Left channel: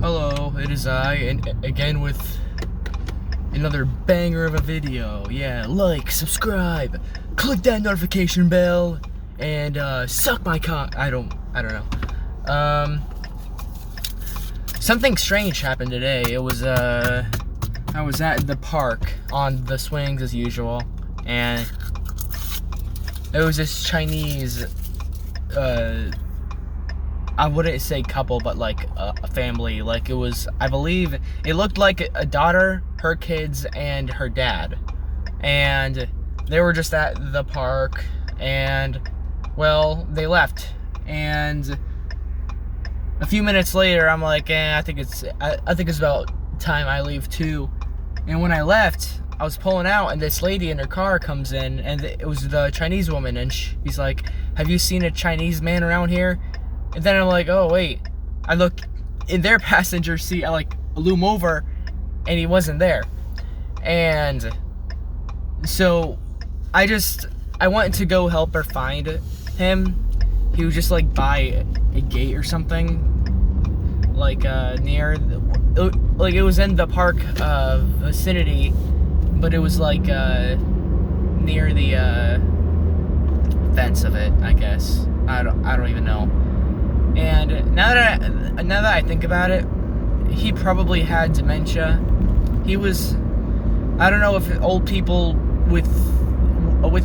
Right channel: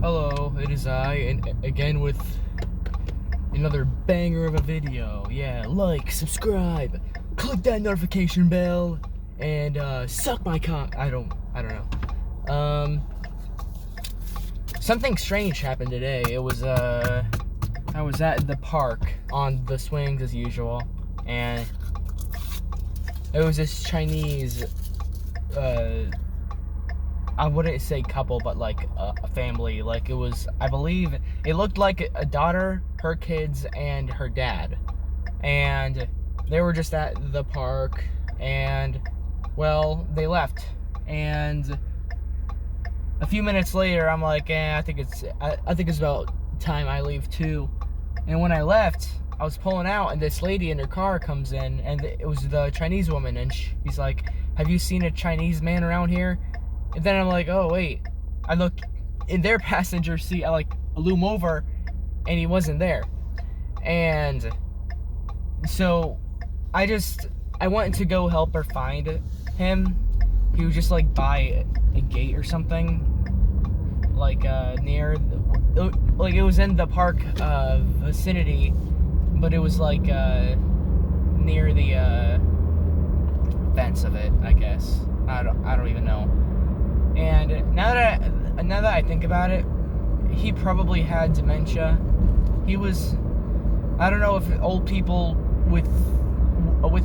Hello, it is I, and again with another banger of a video. Yeah, like, subscribe, click that notification bell, and suck my cock. I don't know. Something strange happened today. It was I was at the park on the swings as usual, and it was this Chinese I wouldn't say couple, but like a family. Like, it was, I believe, it looked like a daughter, her kids, and her dad. And they were just at the park, and, well, they left. And a few minutes later, I'm like, I think it's about time I leave too. And when I left, I was pulling out, and this lady in her car comes in, and it was the Chinese woman, and she's like, "Have you seen a Chinese man around here?" And then I'm like, oh wait, I look in their passenger seat, I like loom over, and he wasn't there. And so I went to go help her find him. He was just like by a gate or something, like near, like it was in the park vicinity, but it was like near the fence of it, I guess. I don't even know. And now that I think about it, he probably had dementia. He was, I don't know if old people with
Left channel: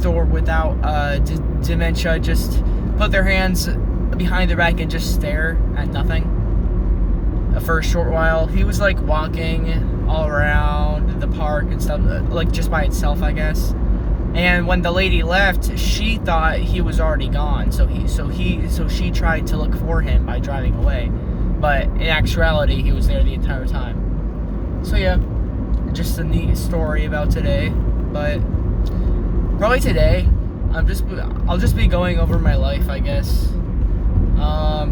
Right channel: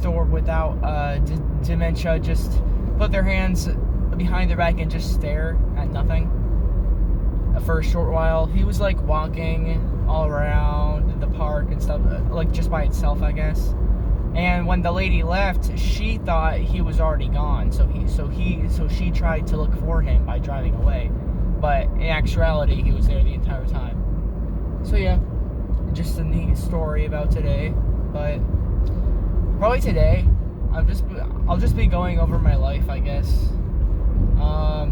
or without dementia just put their hands behind their back and just stare at nothing for a short while. He was like walking all around the park and stuff, like just by itself, I guess. And when the lady left, she thought he was already gone. So she tried to look for him by driving away. But in actuality, he was there the entire time. So yeah, just a neat story about today. But probably today, I'll just be going over my life, I guess.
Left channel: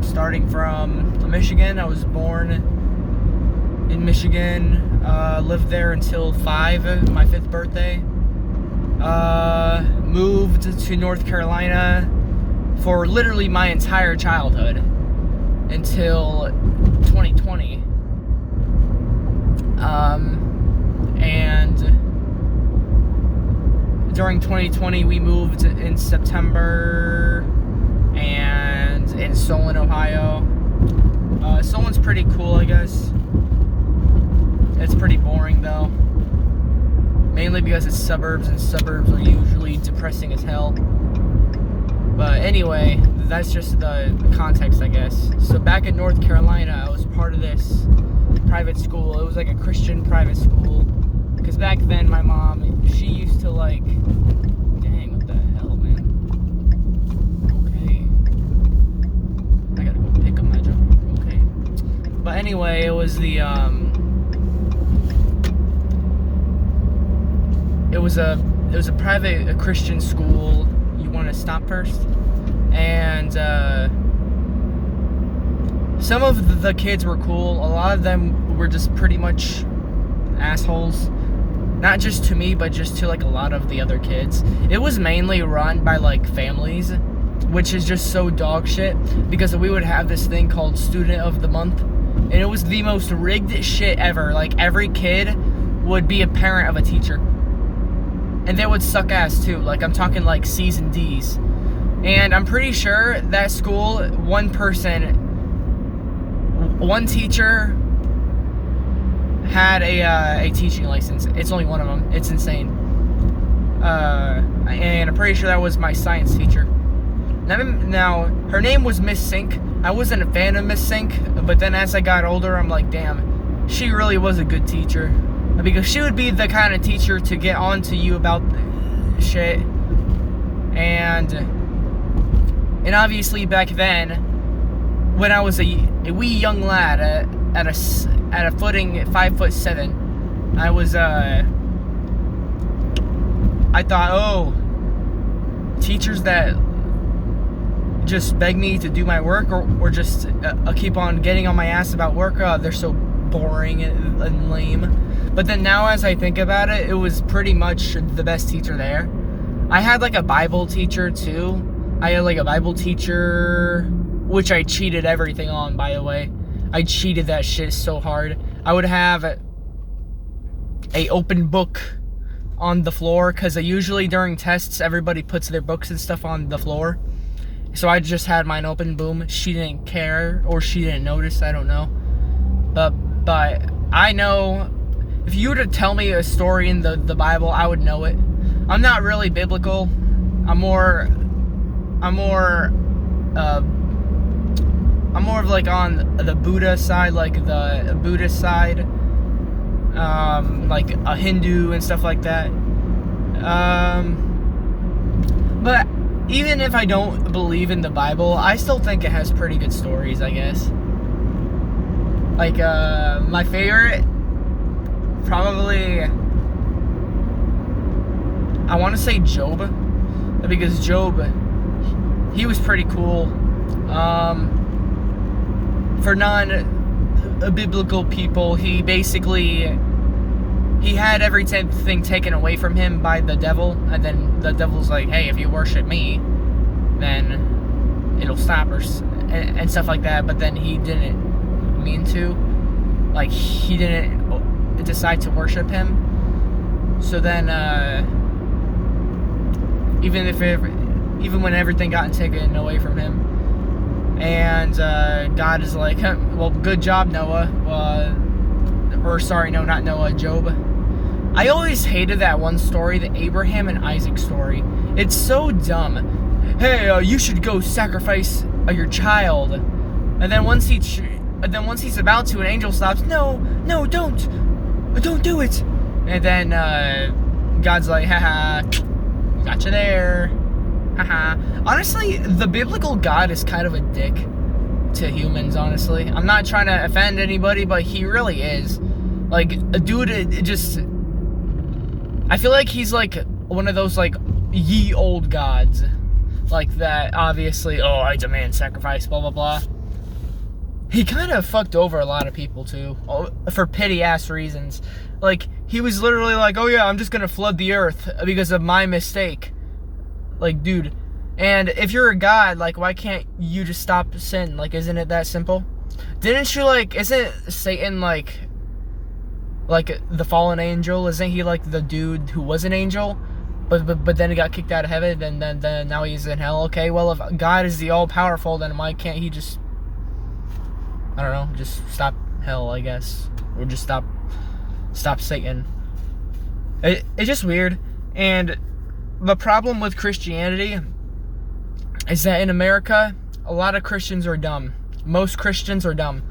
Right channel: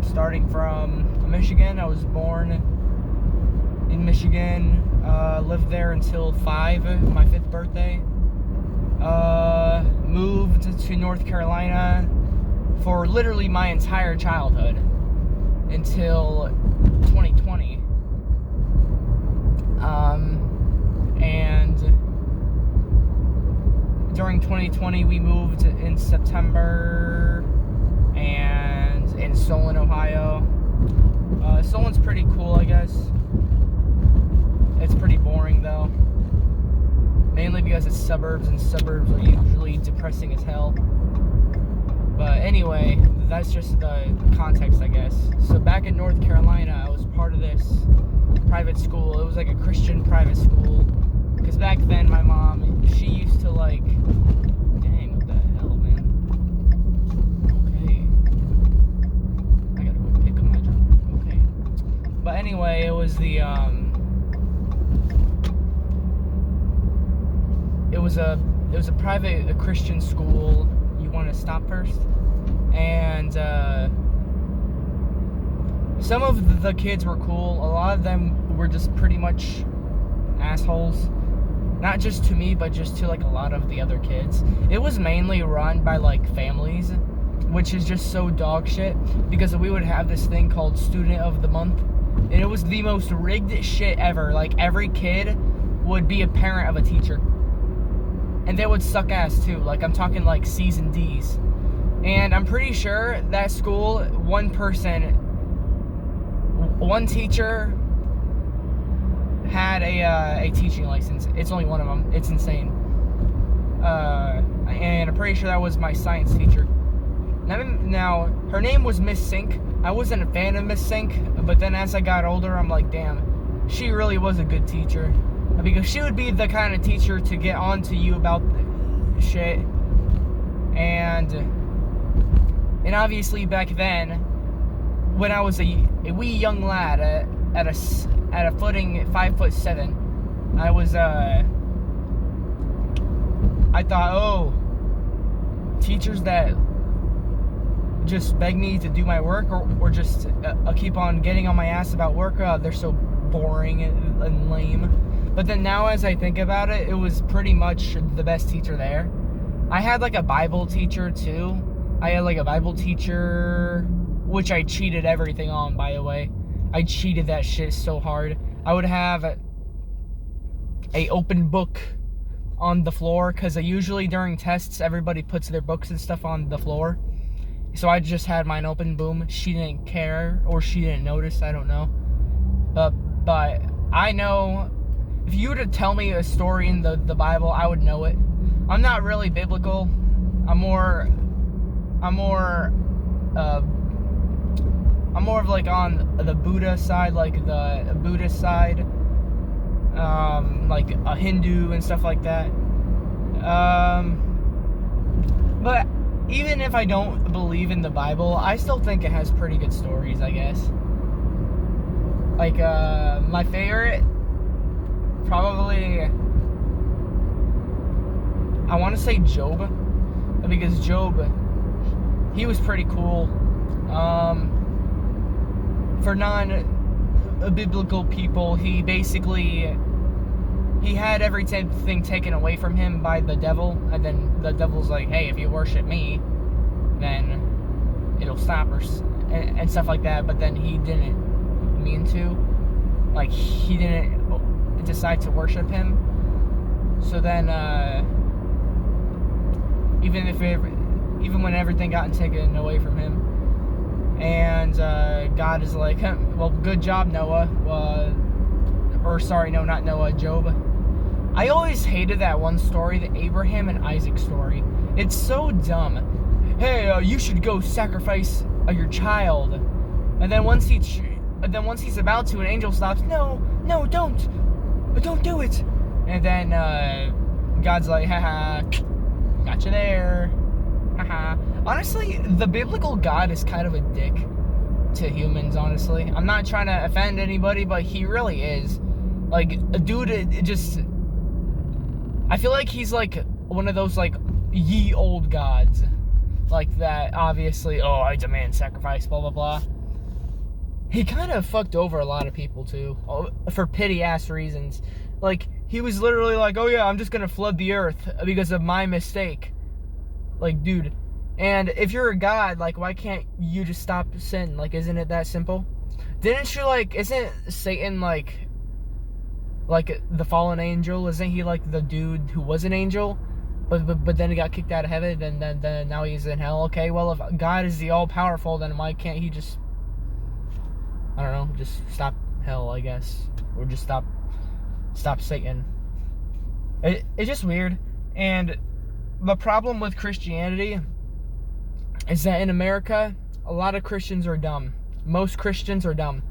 Starting from Michigan. I was born in Michigan. Lived there until my 5th birthday. Moved to North Carolina for literally my entire childhood until 2020. And during 2020 we moved in September and in Solon, Ohio. Solon's pretty cool, I guess. It's pretty boring though. Mainly because it's suburbs, and suburbs are usually depressing as hell. But anyway, that's just the context, I guess. So back in North Carolina, I was part of this private school. It was like a Christian private school. Because back then, my mom, she used to like... Dang, what the hell, man? Okay. I gotta go pick up my jumper. Okay. But anyway, it was the, It was a private Christian school. You want to stop first? And some of the kids were cool. A lot of them were just pretty much assholes. Not just to me, but just to like a lot of the other kids. It was mainly run by like families, which is just so dog shit, because we would have this thing called Student of the Month, and it was the most rigged shit ever. Like, every kid would be a parent of a teacher. And they would suck ass too. Like, I'm talking like C's and D's. And I'm pretty sure that school, one teacher had a teaching license. It's only one of them. It's insane. And I'm pretty sure that was my science teacher. Now, her name was Miss Sink. I wasn't a fan of Miss Sink, but then as I got older, I'm like, damn, she really was a good teacher. Because she would be the kind of teacher to get on to you about shit. And obviously back then, when I was a wee young lad at a footing at 5'7", I was I thought, oh, teachers that just beg me to do my work or just keep on getting on my ass about work, they're so boring and lame. But then now as I think about it, it was pretty much the best teacher there. I had like a Bible teacher too. I had like a Bible teacher, which I cheated everything on, by the way. I cheated that shit so hard. I would have a open book on the floor, because usually during tests everybody puts their books and stuff on the floor. So I just had mine open. Boom. She didn't care, or she didn't notice, I don't know. But I know if you were to tell me a story in the Bible, I would know it. I'm not really biblical. I'm more of like on the Buddha side, like the Buddhist side, like a Hindu and stuff like that. But even if I don't believe in the Bible, I still think it has pretty good stories, I guess. Like, my favorite, probably, I want to say Job, because Job, he was pretty cool. For non-biblical people, he had everything taken away from him by the devil, and then the devil's like, hey, if you worship me, then it'll stop, and stuff like that. But then he didn't mean to, like, he didn't decide to worship him. So then, even when everything got taken away from him, and God is like, well, good job, Noah. Not Noah, Job. I always hated that one story, the Abraham and Isaac story. It's so dumb. Hey, you should go sacrifice your child. And then once he's about to, an angel stops. No, don't do it. And then God's like, haha, gotcha there. Haha. Honestly, the biblical God is kind of a dick to humans, honestly. I'm not trying to offend anybody, but he really is. Like, a dude, I feel like he's like one of those, like, ye old gods. Like that, obviously, oh, I demand sacrifice, blah, blah, blah. He kind of fucked over a lot of people, too, for pity-ass reasons. Like, he was literally like, oh yeah, I'm just gonna flood the earth because of my mistake. Like, dude. And if you're a god, like, why can't you just stop sin? Like, isn't it that simple? Didn't you, like, isn't Satan, like the fallen angel? Isn't he, like, the dude who was an angel? But then he got kicked out of heaven, and then now he's in hell. Okay, well, if God is the all-powerful, then why can't he just, I don't know, just stop hell, I guess. Or just stop Satan. It's just weird. And the problem with Christianity is that in America, a lot of Christians are dumb. Most Christians are dumb.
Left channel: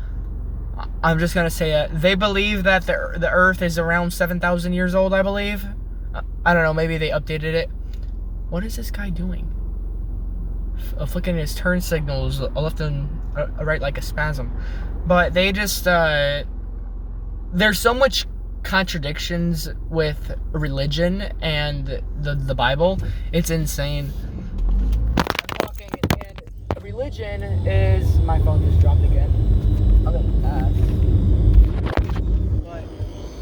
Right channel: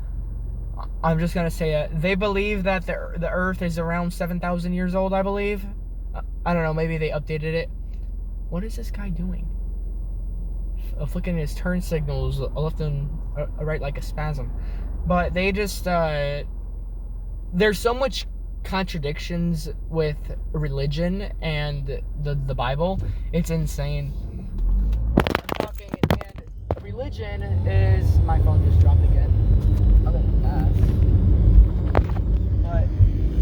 I'm just gonna say it. They believe that the earth is around 7,000 years old, I believe. I don't know, maybe they updated it. What is this guy doing? Flicking his turn signals left and right like a spasm. But they just, there's so much contradictions with religion and the Bible. It's insane. I'm talking, and religion is, my phone just dropped again. But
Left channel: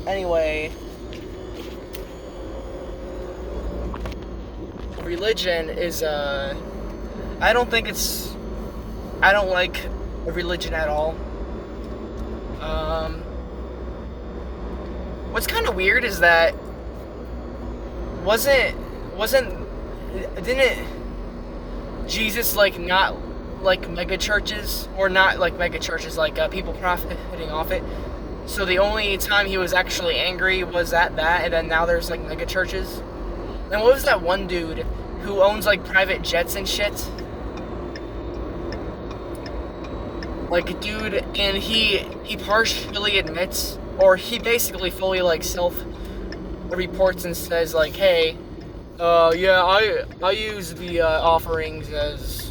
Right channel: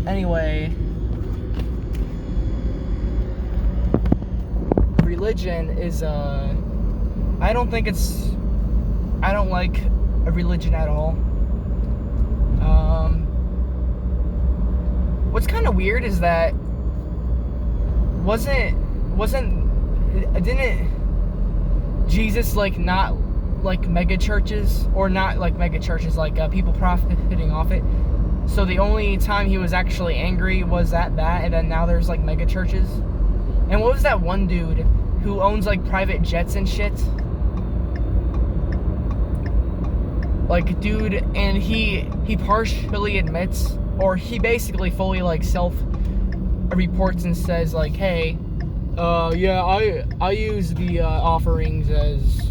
anyway, religion is, I don't like a religion at all. What's kind of weird is that didn't Jesus, like, not like mega churches, or not like mega churches, like people profiting off it? So the only time he was actually angry was at that, and then now there's like mega churches. And what was that one dude who owns like private jets and shit? Like, dude, and he partially admits, or he basically fully like self-reports and says like, hey, yeah, I use the offerings as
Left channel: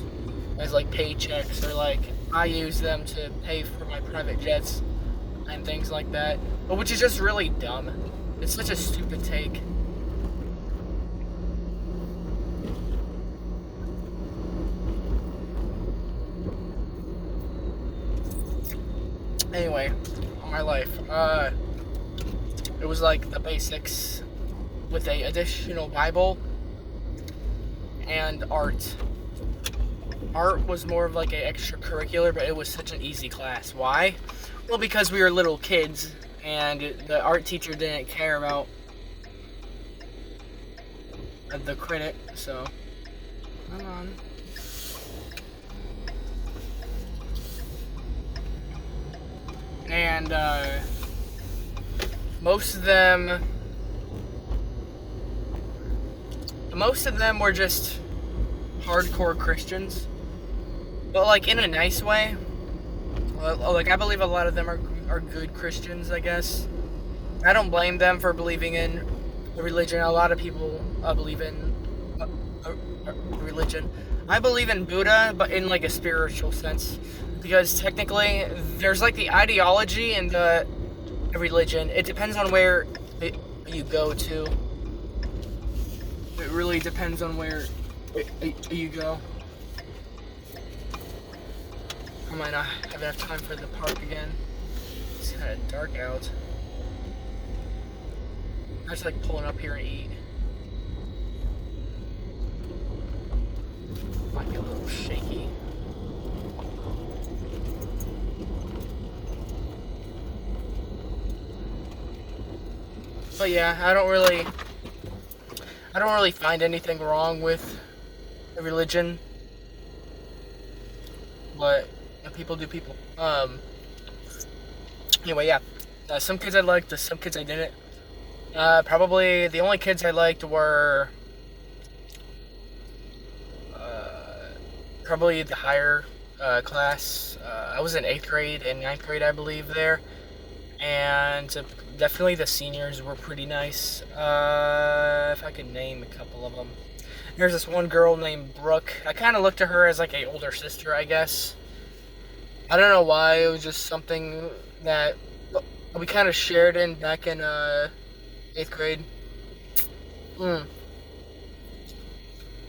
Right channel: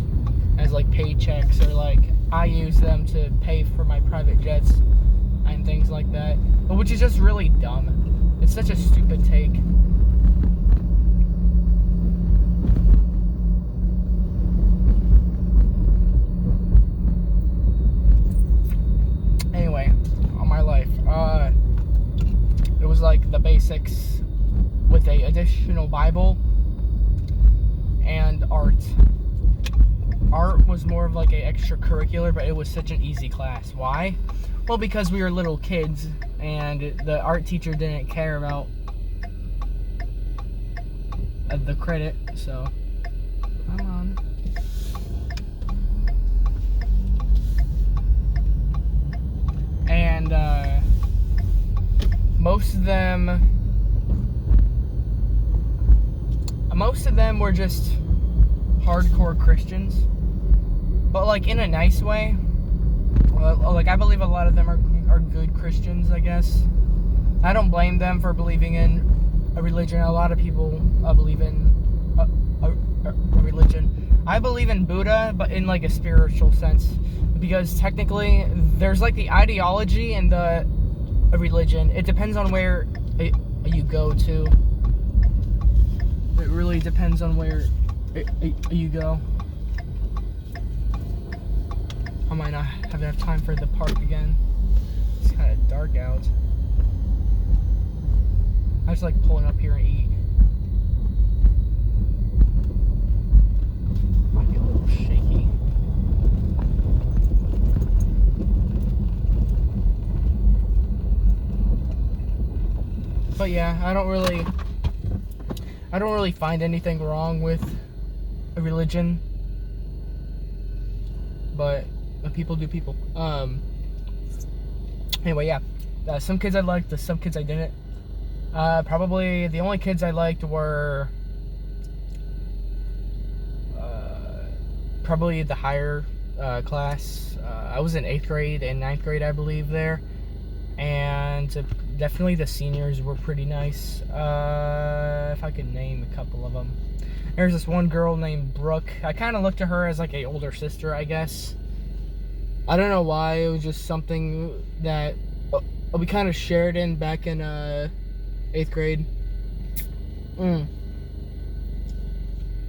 like paychecks, or like I use them to pay for my private jets and things like that, which is just really dumb. It's such a stupid take. Anyway, on my life, it was like the basics with a additional Bible and art. art was more of like an extracurricular, but it was such an easy class. Why? Well, because we were little kids and the art teacher didn't care about the credit, so hold on. And most of them were just hardcore Christians, but like in a nice way. Like I believe a lot of them are good Christians, I guess. I don't blame them for believing in a religion. A lot of people believe in a religion. I believe in Buddha, but in like a spiritual sense, because technically there's like the ideology and the religion. It depends on where you go to. It really depends on where you go. I might not have enough time for the park again. It's kind of dark out. I just like pulling up here and eat. Might be a little shaky. But yeah, I don't really find anything wrong with a religion. But people do people. Anyway, yeah. Some kids I liked, some kids I didn't. Probably the only kids I liked were probably the higher class. I was in 8th grade and 9th grade, I believe, there. And definitely the seniors were pretty nice. If I could name a couple of them. There's this one girl named Brooke. I kind of looked at her as like an older sister, I guess. I don't know why. It was just something that we kind of shared in back in 8th grade.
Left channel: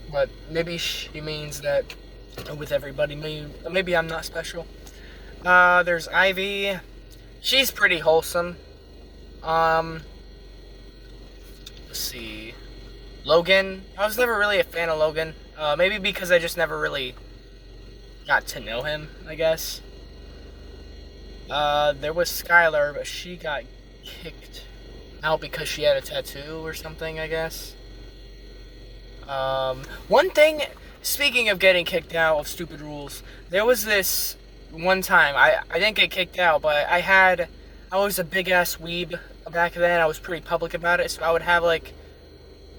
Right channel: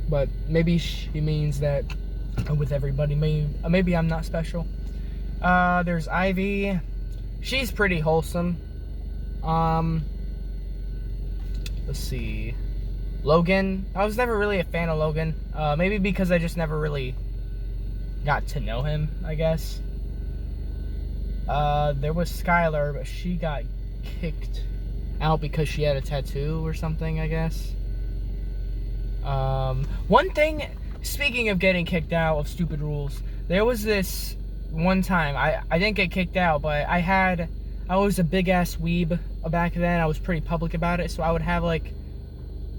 But maybe she means that with everybody. Maybe I'm not special. There's Ivy. She's pretty wholesome. Let's see. Logan. I was never really a fan of Logan. Maybe because I just never really got to know him, I guess. There was Skylar, but she got kicked out because she had a tattoo or something, I guess. One thing, speaking of getting kicked out of stupid rules, there was this one time, I didn't get kicked out, but I was a big ass weeb back then. I was pretty public about it, so I would have like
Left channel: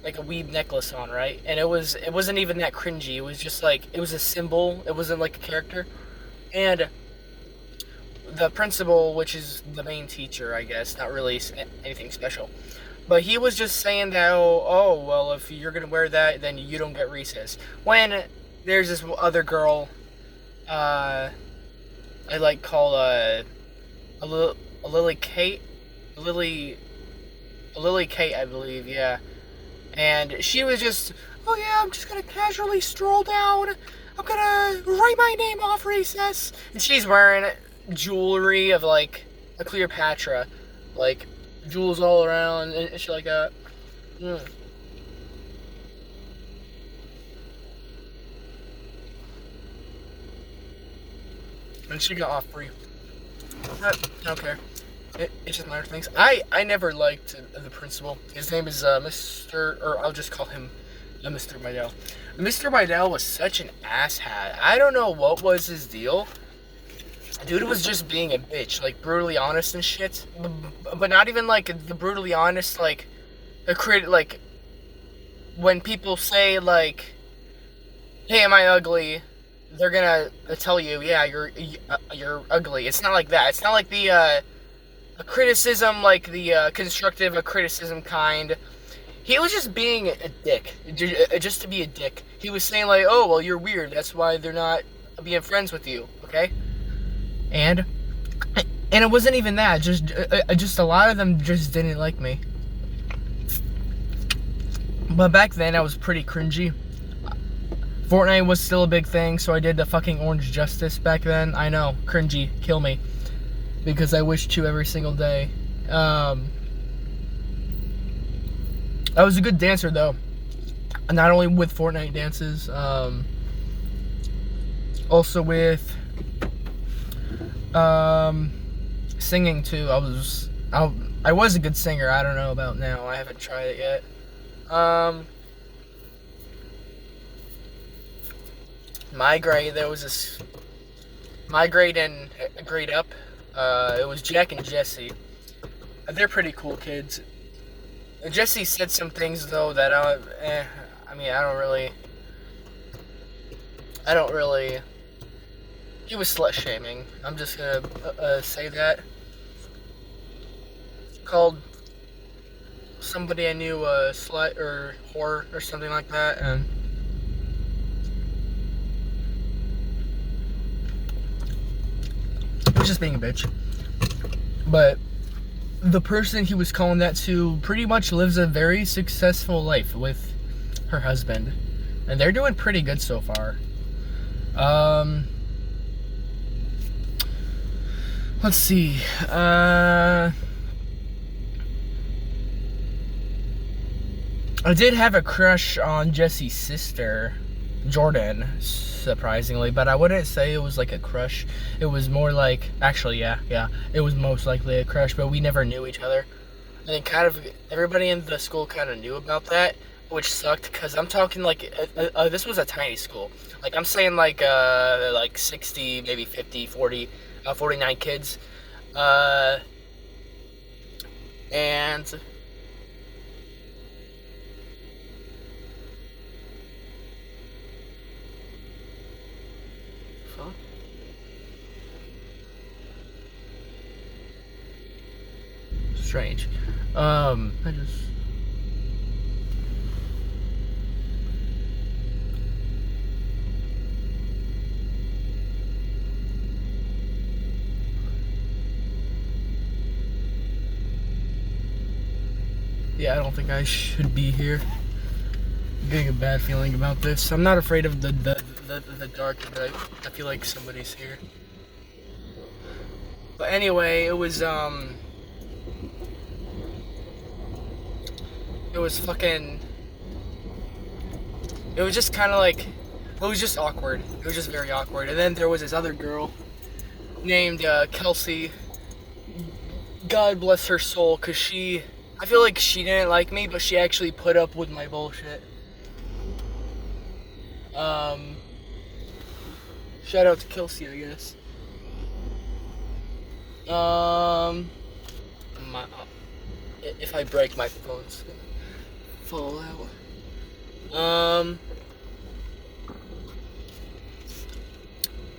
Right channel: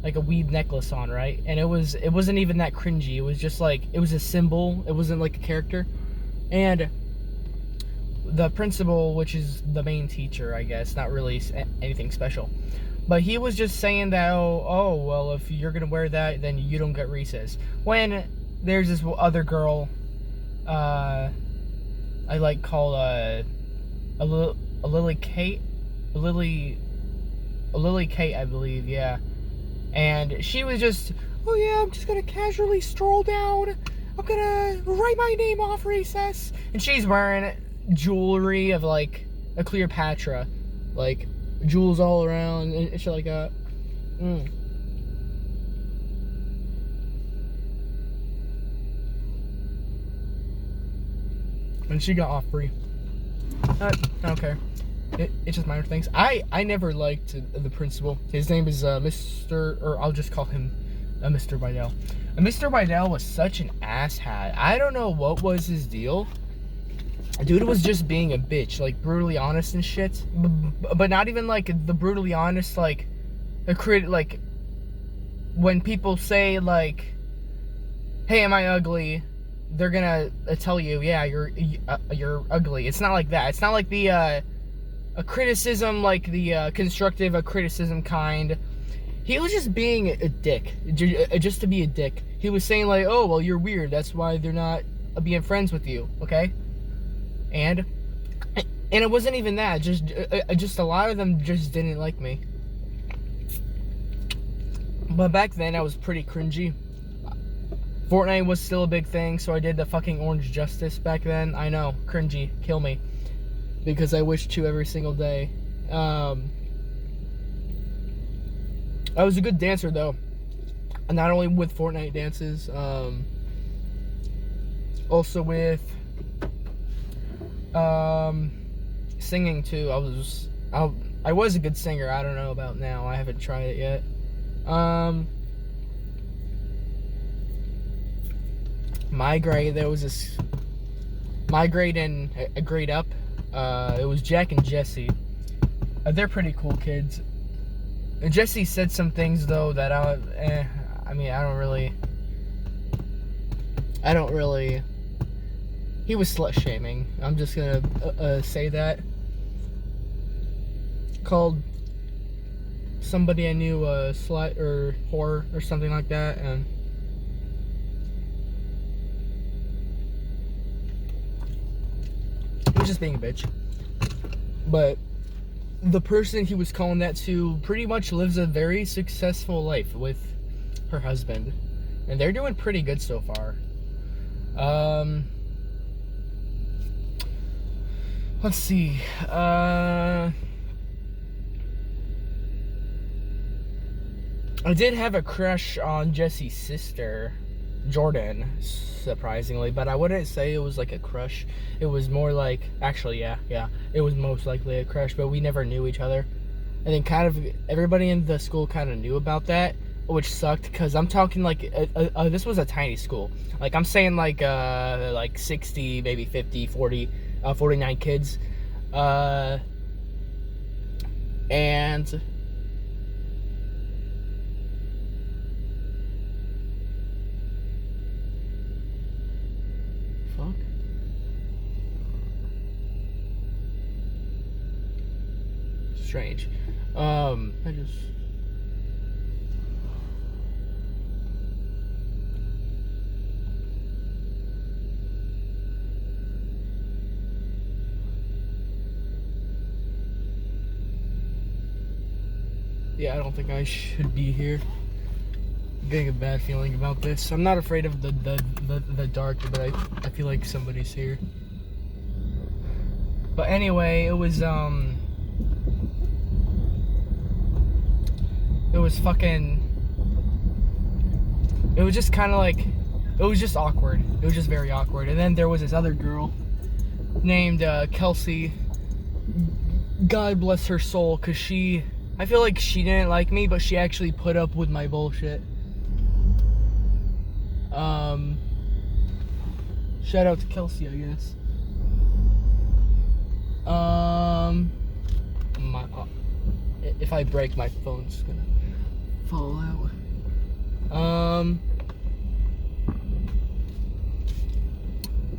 a weeb necklace on, right? And it wasn't even that cringy. It was just like, it was a symbol. It wasn't like a character. And the principal, which is the main teacher, I guess, not really anything special, but he was just saying that, oh, well, if you're gonna wear that, then you don't get recess. When there's this other girl, I like call Lily Kate, I believe, yeah. And she was just, oh yeah, I'm just gonna casually stroll down. I'm gonna write my name off recess. And she's wearing jewelry of like a Cleopatra, like jewels all around and shit like that. And she got off free. I don't care. It's just minor things. I never liked the principal. His name is Mr. or I'll just call him Mr. Bidell. Mr. Bidell was such an asshat. I don't know what was his deal. Dude was just being a bitch, like brutally honest and shit. But not even like the brutally honest, like like when people say like, "Hey, am I ugly?" They're gonna tell you, "Yeah, you're ugly." It's not like that. It's not like the a criticism, like the constructive criticism kind. He was just being a dick, just to be a dick. He was saying like, "Oh, well, you're weird. That's why they're not being friends with you." Okay. And it wasn't even that. Just a lot of them just didn't like me. But back then, I was pretty cringy. Fortnite was still a big thing, so I did the fucking Orange Justice back then. I know, cringy, kill me, because I wish to every single day. I was a good dancer though, not only with Fortnite dances. Also with singing too. I was a good singer. I don't know about now. I haven't tried it yet. My grade, there was this. My grade and a grade up. It was Jack and Jesse. They're pretty cool kids. And Jesse said some things though that I don't really. He was slut shaming. I'm just gonna say that. Called somebody I knew a slut or whore or something like that, and he was just being a bitch. But the person he was calling that to pretty much lives a very successful life with her husband, and they're doing pretty good so far. Let's see. I did have a crush on Jesse's sister, Jordan, surprisingly, but I wouldn't say it was like a crush. It was more like, actually, yeah, it was most likely a crush, but we never knew each other. And then kind of everybody in the school kind of knew about that, which sucked, because I'm talking like, this was a tiny school. Like, I'm saying like 60, maybe 50, 40, 49 kids. And strange. Yeah, I don't think I should be here. I'm getting a bad feeling about this. I'm not afraid of the dark, but I feel like somebody's here. But anyway, it was just kind of like, it was just awkward. It was just very awkward. And then there was this other girl named Kelsey. God bless her soul, because I feel like she didn't like me, but she actually put up with my bullshit. Shout out to Kelsey, I guess. If I break, my phone's gonna fall out.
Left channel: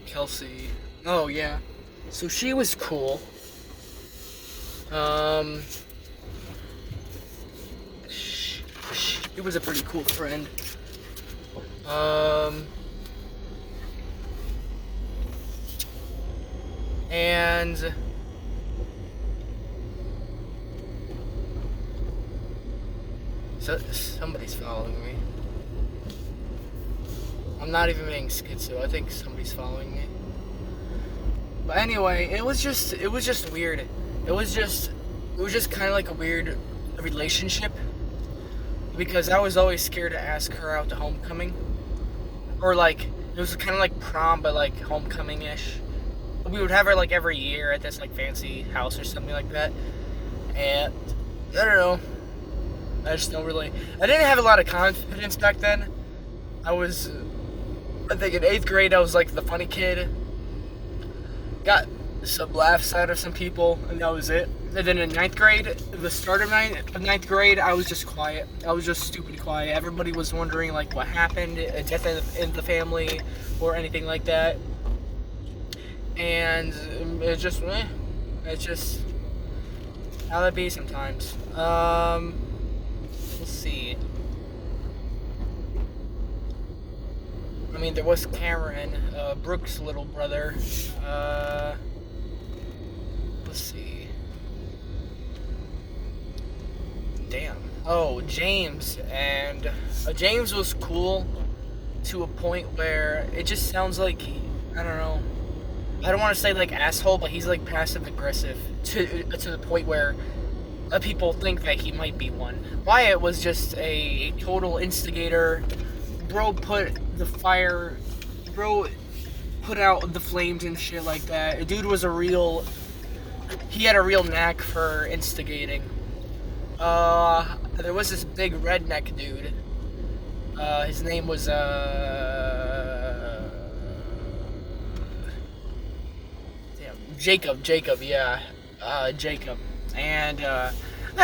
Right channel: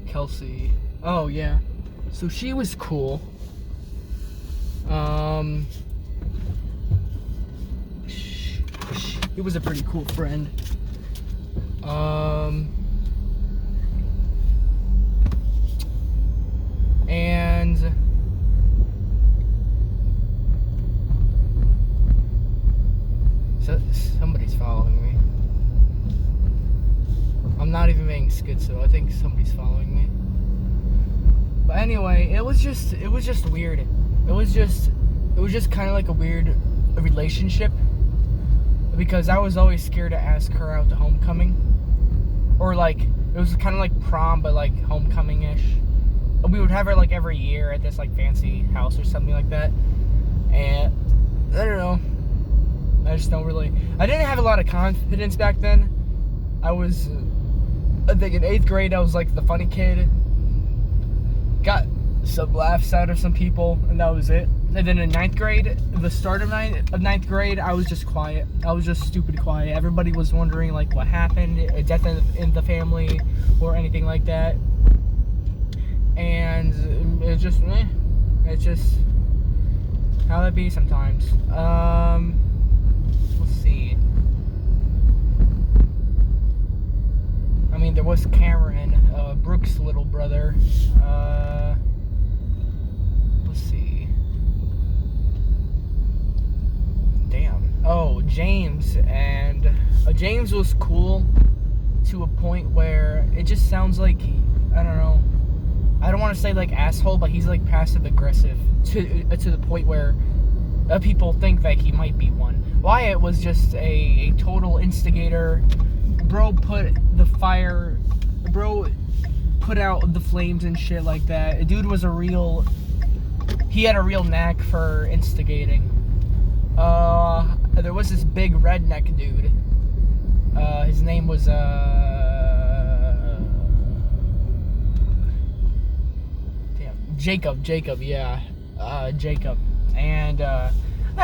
Kelsey. Oh yeah. So she was cool. He was a pretty cool friend. And so somebody's following me. I'm not even being schizo. I think somebody's following me. But anyway, it was just weird. It was just kind of like a weird relationship, because I was always scared to ask her out to homecoming, or like it was kind of like prom, but like homecoming-ish. We would have her like every year at this like fancy house or something like that, and I don't know. I didn't have a lot of confidence back then. I think in 8th grade I was like the funny kid. Got some laughs out of some people, and that was it. And then in 9th grade, the start of 9th grade, I was just quiet. I was just stupid quiet. Everybody was wondering like what happened, a death in the family, or anything like that. And it's just how that be sometimes. Let's see. I mean, there was Cameron, Brooke's little brother. Let's see. Damn. Oh, James. And James was cool to a point where it just sounds like, I don't know. I don't want to say like asshole, but he's like passive aggressive to the point where people think that he might be one. Wyatt was just a total instigator. Bro put the fire. Bro put out the flames and shit like that. A dude was he had a real knack for instigating. There was this big redneck dude. His name was, Jacob, yeah. Jacob. And, I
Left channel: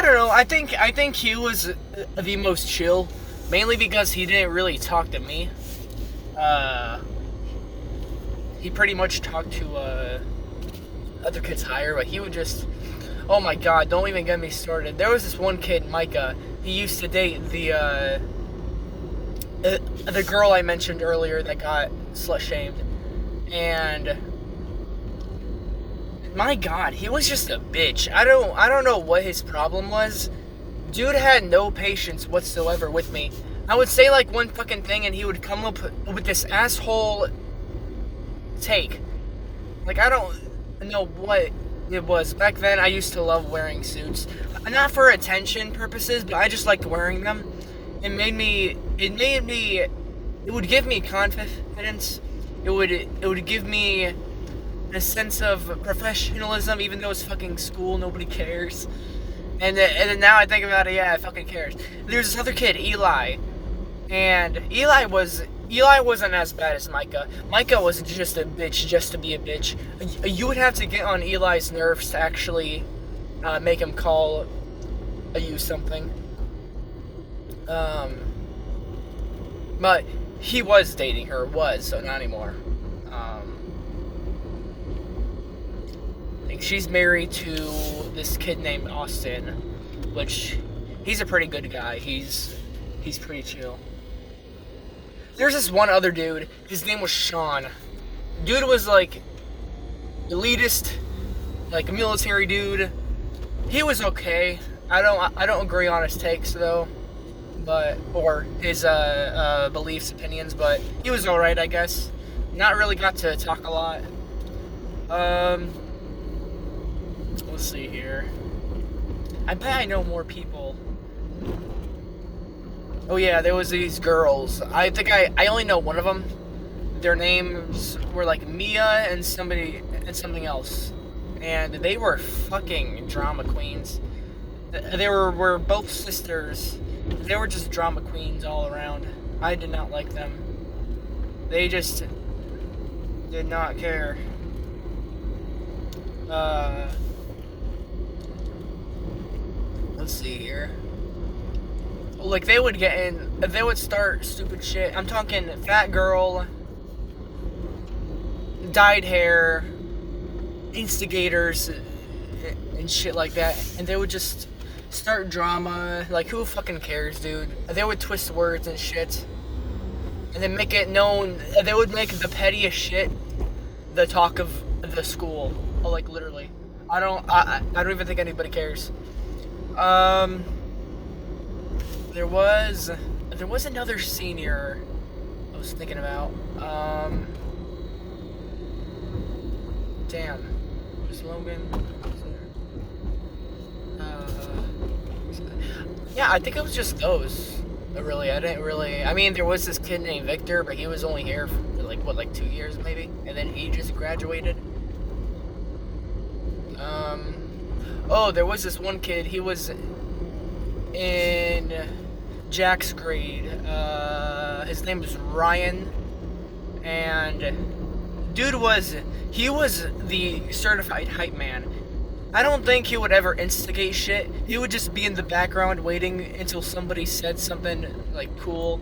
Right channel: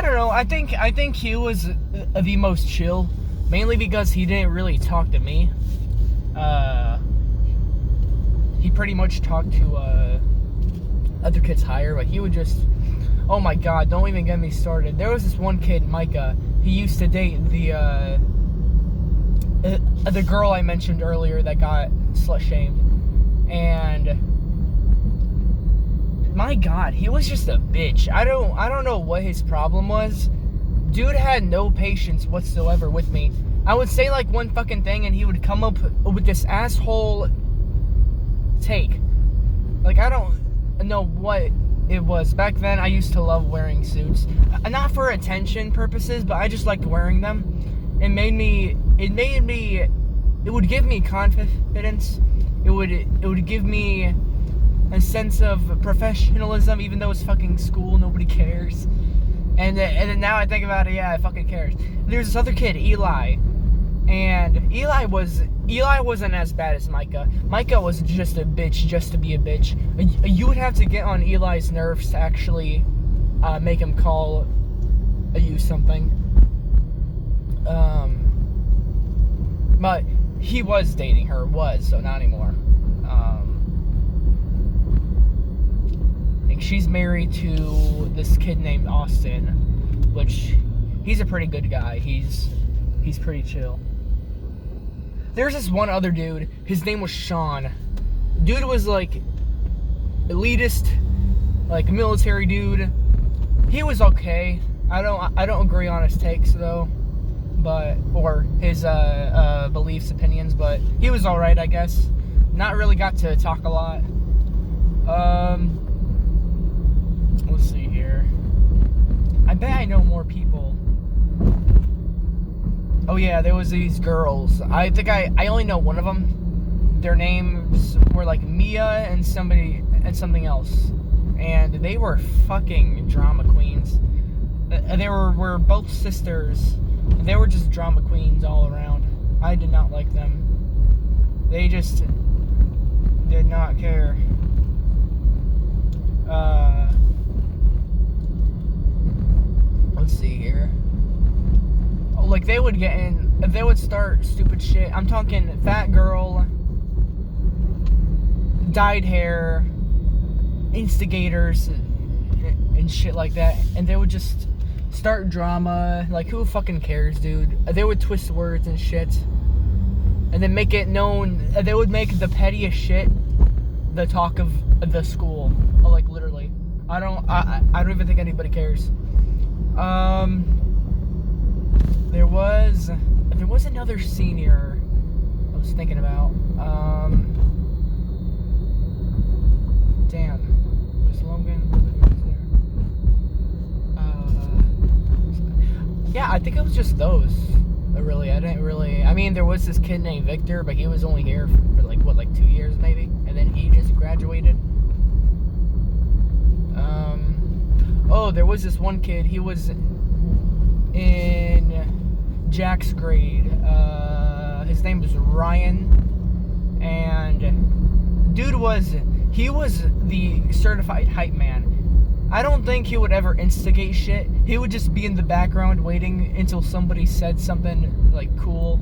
don't know, I think he was the most chill, mainly because he didn't really talk to me. He pretty much talked to, other kids higher, but he would just, oh my god, don't even get me started. There was this one kid, Micah, he used to date the girl I mentioned earlier that got slut-shamed, and my god, he was just a bitch. I don't know what his problem was. Dude had no patience whatsoever with me. I would say like one fucking thing and he would come up with this asshole take. Like, I don't know what it was. Back then I used to love wearing suits. Not for attention purposes, but I just liked wearing them. It would give me confidence. It would give me a sense of professionalism, even though it's fucking school, nobody cares. And then now I think about it, yeah, it fucking cares. There's this other kid, Eli, and Eli wasn't as bad as Micah. Micah was just a bitch, just to be a bitch. You would have to get on Eli's nerves to actually make him call you something. But he was dating her, so not anymore. She's married to this kid named Austin, which he's a pretty good guy. He's pretty chill. There's this one other dude. His name was Sean. Dude was like elitist, like a military dude. He was okay. I don't agree on his takes though, or his beliefs, opinions, but he was all right, I guess. Not really got to talk a lot. Let's see here. I bet I know more people. Oh yeah, there was these girls. I think I only know one of them. Their names were like Mia and something else. And they were fucking drama queens. They were both sisters. They were just drama queens all around. I did not like them. They just did not care. Let's see here. Like, they would start stupid shit. I'm talking fat girl, dyed hair, instigators, and shit like that. And they would just start drama. Like, who fucking cares, dude? They would twist words and shit. And then make it known. They would make the pettiest shit the talk of the school. Like, literally. I don't even think anybody cares. There was another senior I was thinking about. Damn. Is Logan? Yeah, I think it was just those. Really, I mean, there was this kid named Victor, but he was only here for like 2 years maybe, and then he just graduated. There was this one kid. He was in Jack's grade. His name was Ryan, and dude was the certified hype man. I don't think he would ever instigate shit. He would just be in the background waiting until somebody said something like cool,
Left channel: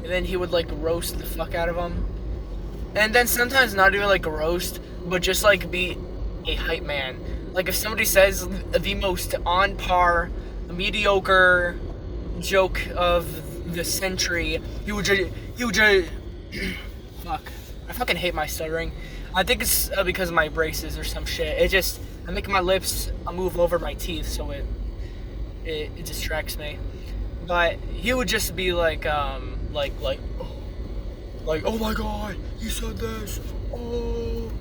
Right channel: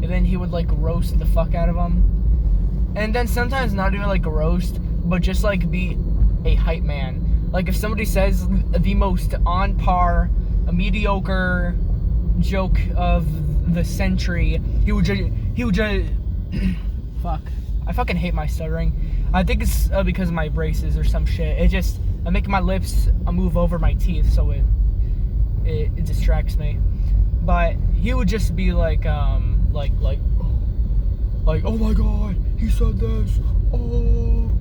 and then he would like roast the fuck out of them. And then sometimes not even like a roast, but just like be a hype man. Like, if somebody says the most on par, mediocre joke of the century, he would just fuck. I fucking hate my stuttering. I think it's because of my braces or some shit. I make my lips move over my teeth, so it distracts me. But he would just be like, oh my god, he said this. Oh,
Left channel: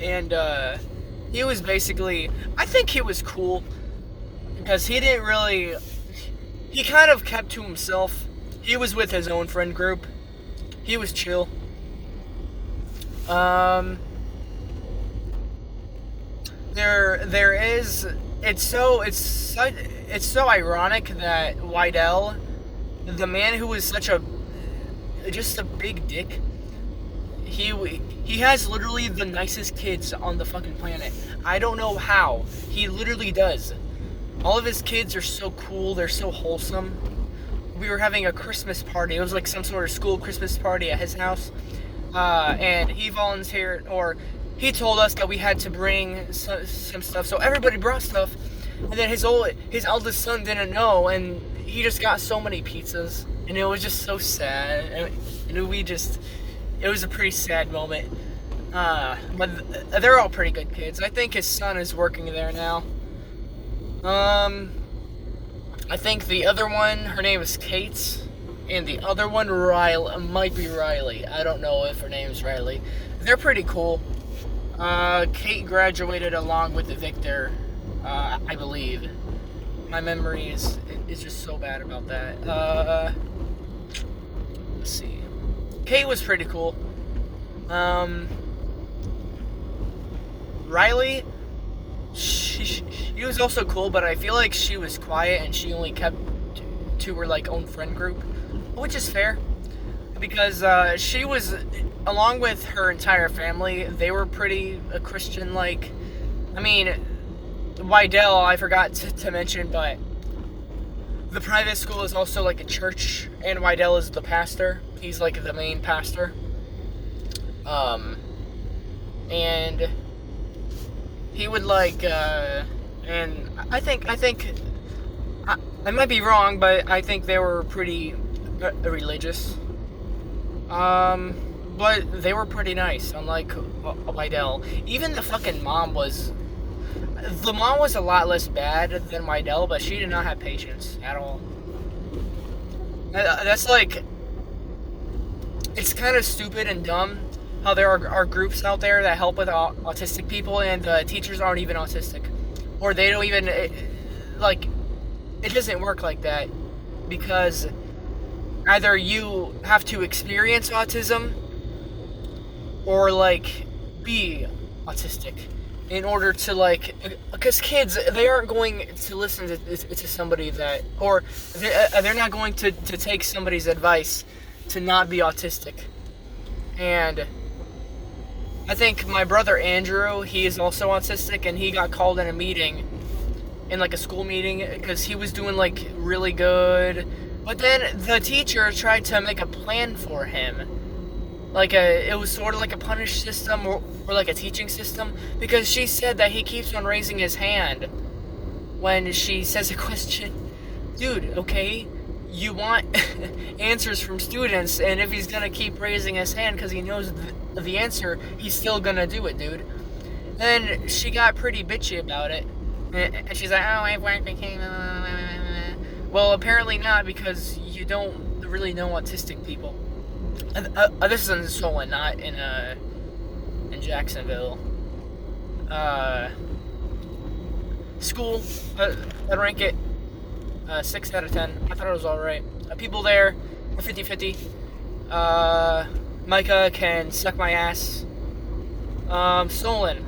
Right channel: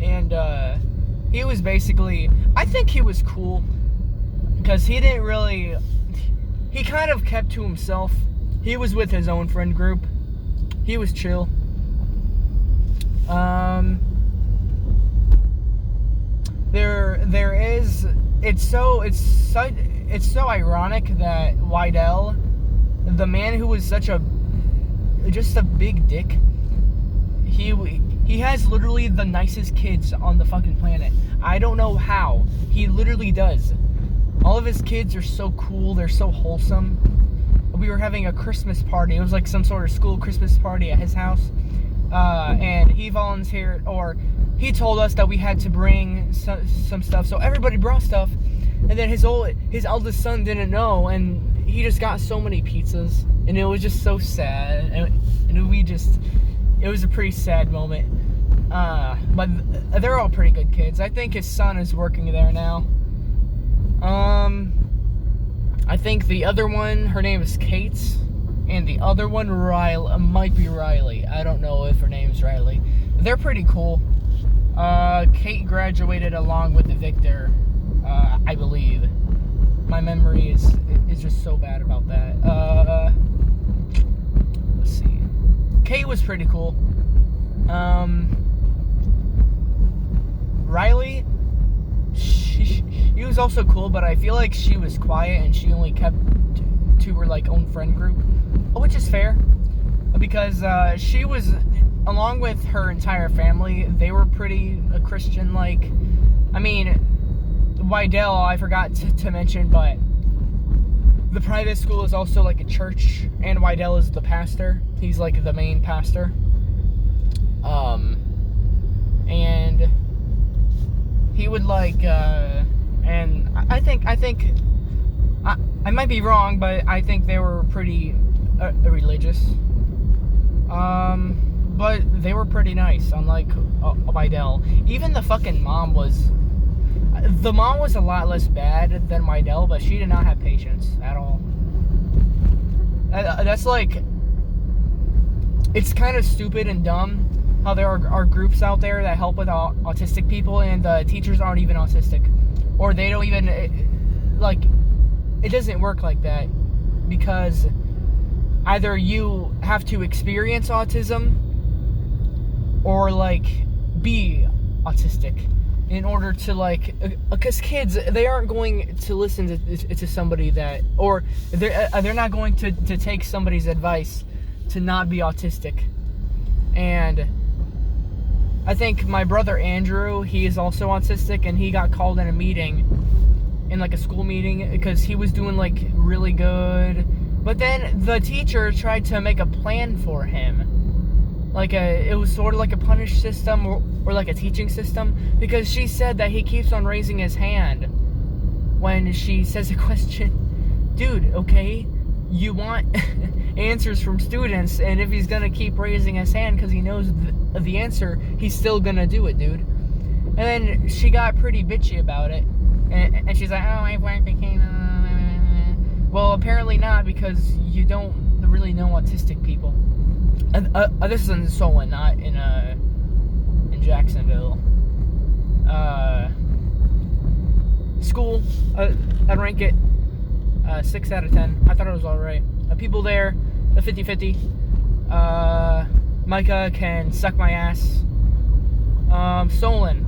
and he was basically, I think he was cool because he kind of kept to himself. He was with his own friend group. He was chill. Um, there is. It's so ironic that Wydell, the man who was such a big dick, he has literally the nicest kids on the fucking planet. I don't know how. He literally does. All of his kids are so cool. They're so wholesome. We were having a Christmas party. It was like some sort of school Christmas party at his house. And he volunteered, or he told us that we had to bring some stuff. So everybody brought stuff. And then his eldest son didn't know. And he just got so many pizzas. And it was just so sad. And it was a pretty sad moment. But they're all pretty good kids. I think his son is working there now. I think the other one, her name is Kate, and the other one, might be Riley. I don't know if her name's Riley. They're pretty cool. Kate graduated along with Victor, I believe. My memory is just so bad about that. Let's see. Kate was pretty cool. Riley, she was also cool, but I feel like she was quiet and she only kept to her like own friend group, which is fair, because she was, along with her entire family, they were pretty Christian. Like, I mean, Wydell, I forgot to mention, but the private school is also like a church, and Wydell is the pastor. He's like the main pastor. And he would like, and I think I might be wrong, but I think they were pretty religious. But they were pretty nice, unlike Wydell. Even the fucking mom was a lot less bad than Wydell, but she did not have patience at all. That's like, it's kind of stupid and dumb how there are groups out there that help with autistic people, and the teachers aren't even autistic, or they don't even, it doesn't work like that, because either you have to experience autism or like be autistic in order to because kids, they aren't going to listen to somebody that, or they're not going to take somebody's advice to not be autistic. And I think my brother Andrew, he is also autistic, and he got called in a meeting, in like a school meeting, because he was doing like really good, but then the teacher tried to make a plan for him, like it was sort of like a punish system, or like a teaching system, because she said that he keeps on raising his hand when she says a question. Dude, okay, you want answers from students, and if he's gonna keep raising his hand because he knows the answer, he's still gonna do it, dude. And then she got pretty bitchy about it, and she's like, oh, I've worked with him. Well, apparently not, because you don't really know autistic people. This is in Solon, not in Jacksonville. School, I'd rank it 6 out of 10. I thought it was alright. People there, 50-50. Micah can suck my ass. Solon,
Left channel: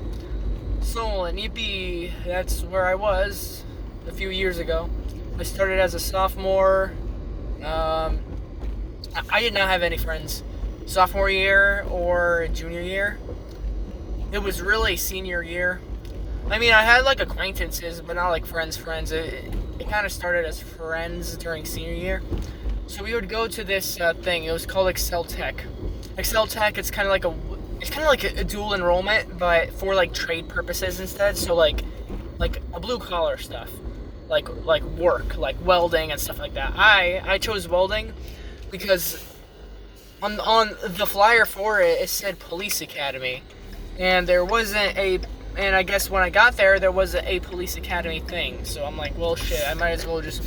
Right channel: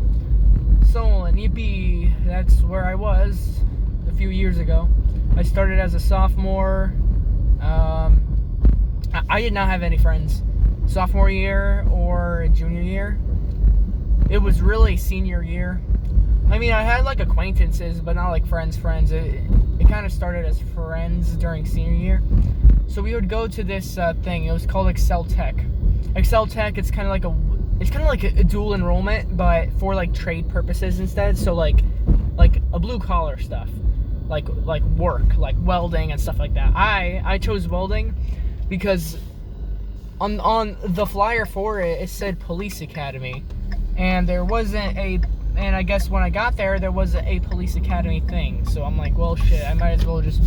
yippee, that's where I was a few years ago. I started as a sophomore. I did not have any friends sophomore year or junior year. It was really senior year. I mean, I had like acquaintances, but not like friends. It kind of started as friends during senior year. So we would go to this thing. It was called Excel Tech. Excel Tech, it's kind of like a dual enrollment, but for like trade purposes instead. So like a blue collar stuff, like work, like welding and stuff like that. I chose welding because on the flyer for it, it said police academy, and there wasn't a. And I guess when I got there was a police academy thing. So I'm like, well, shit, I might as well just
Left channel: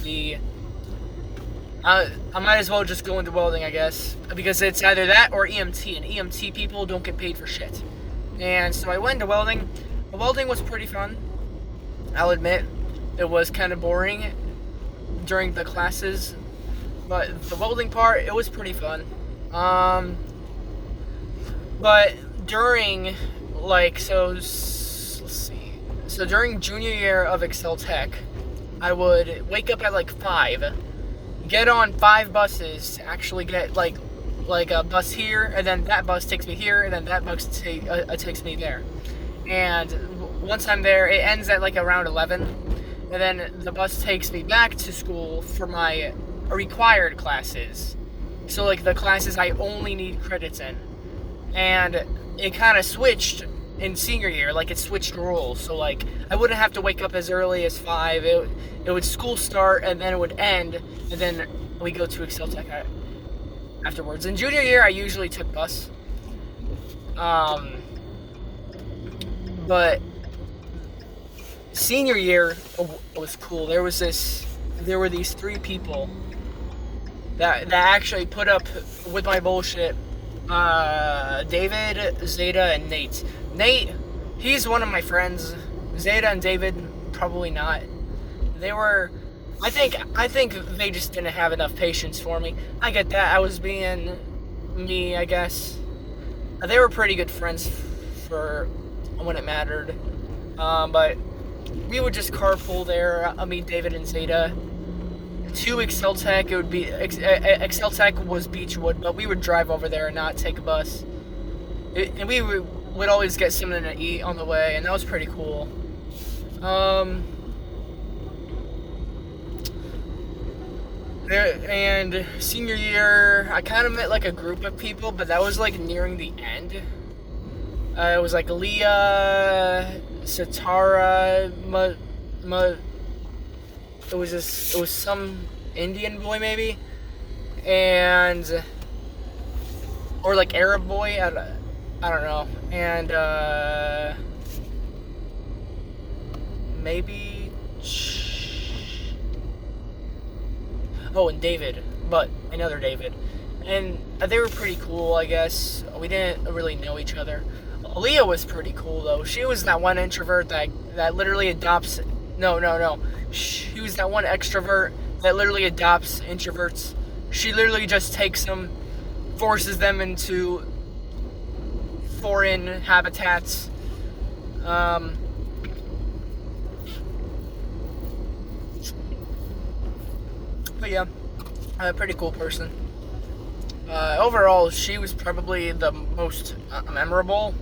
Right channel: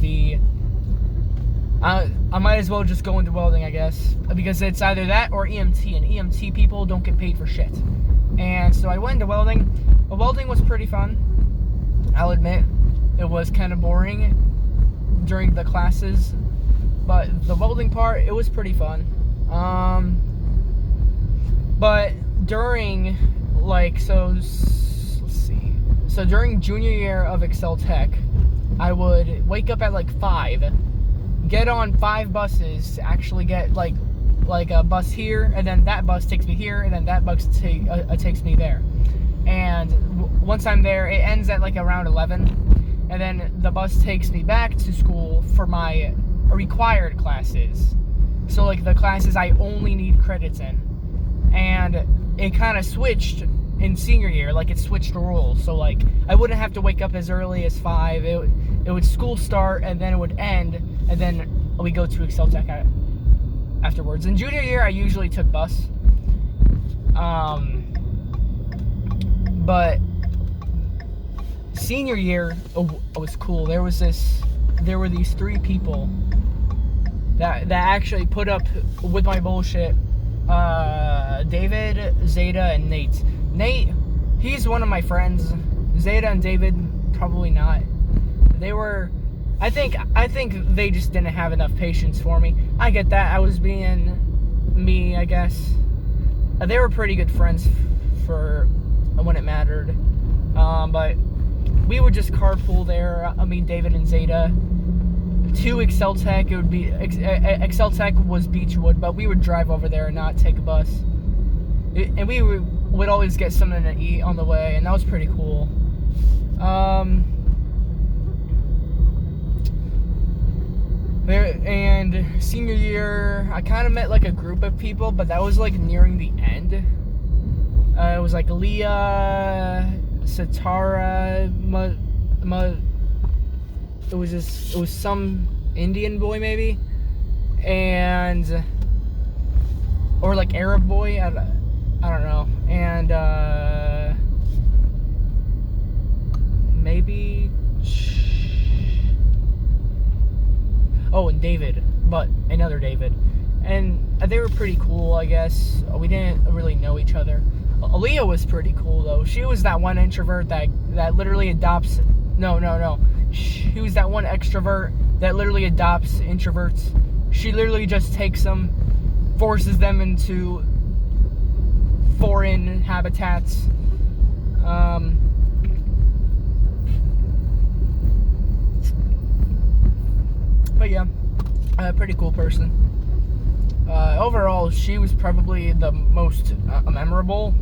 go into welding, I guess, because it's either that or EMT, and EMT people don't get paid for shit. And so I went into welding. Welding was pretty fun. I'll admit, it was kind of boring during the classes, but the welding part, it was pretty fun. But during, like, let's see. So during junior year of Excel Tech, I would wake up at like 5, get on 5 buses to actually get like a bus here, and then that bus takes me here, and then that bus takes me there. And once I'm there, it ends at like around 11, and then the bus takes me back to school for my required classes. So like the classes I only need credits in. And it kind of switched in senior year, like it switched rules. So like I wouldn't have to wake up as early as 5. It would school start, and then it would end, and then we go to Excel Tech afterwards. In junior year, I usually took bus. But senior year was cool. There were these 3 people that actually put up with my bullshit. David, Zeta, and Nate. Nate, he's one of my friends. Zeta and David, probably not. They were, I think they just didn't have enough patience for me. I get that. I was being me, I guess. They were pretty good friends for when it mattered. But we would just carpool there. I mean, David and Zeta. To Excel Tech, it would be Excel Tech was Beechwood, but we would drive over there and not take a bus. And we would always get something to eat on the way, and that was pretty cool. And senior year, I kind of met like a group of people, but that was like nearing the end. It was like Leah, Satara, it was some Indian boy maybe, or like Arab boy, I don't know, and maybe, and David, but another David, and they were pretty cool, I guess. We didn't really know each other. Leah was pretty cool though. She was that one introvert that literally adopts. No. She was that one extrovert that literally adopts introverts. She literally just takes them, forces them into foreign habitats. But yeah, a pretty cool person. Overall, she was probably the most memorable.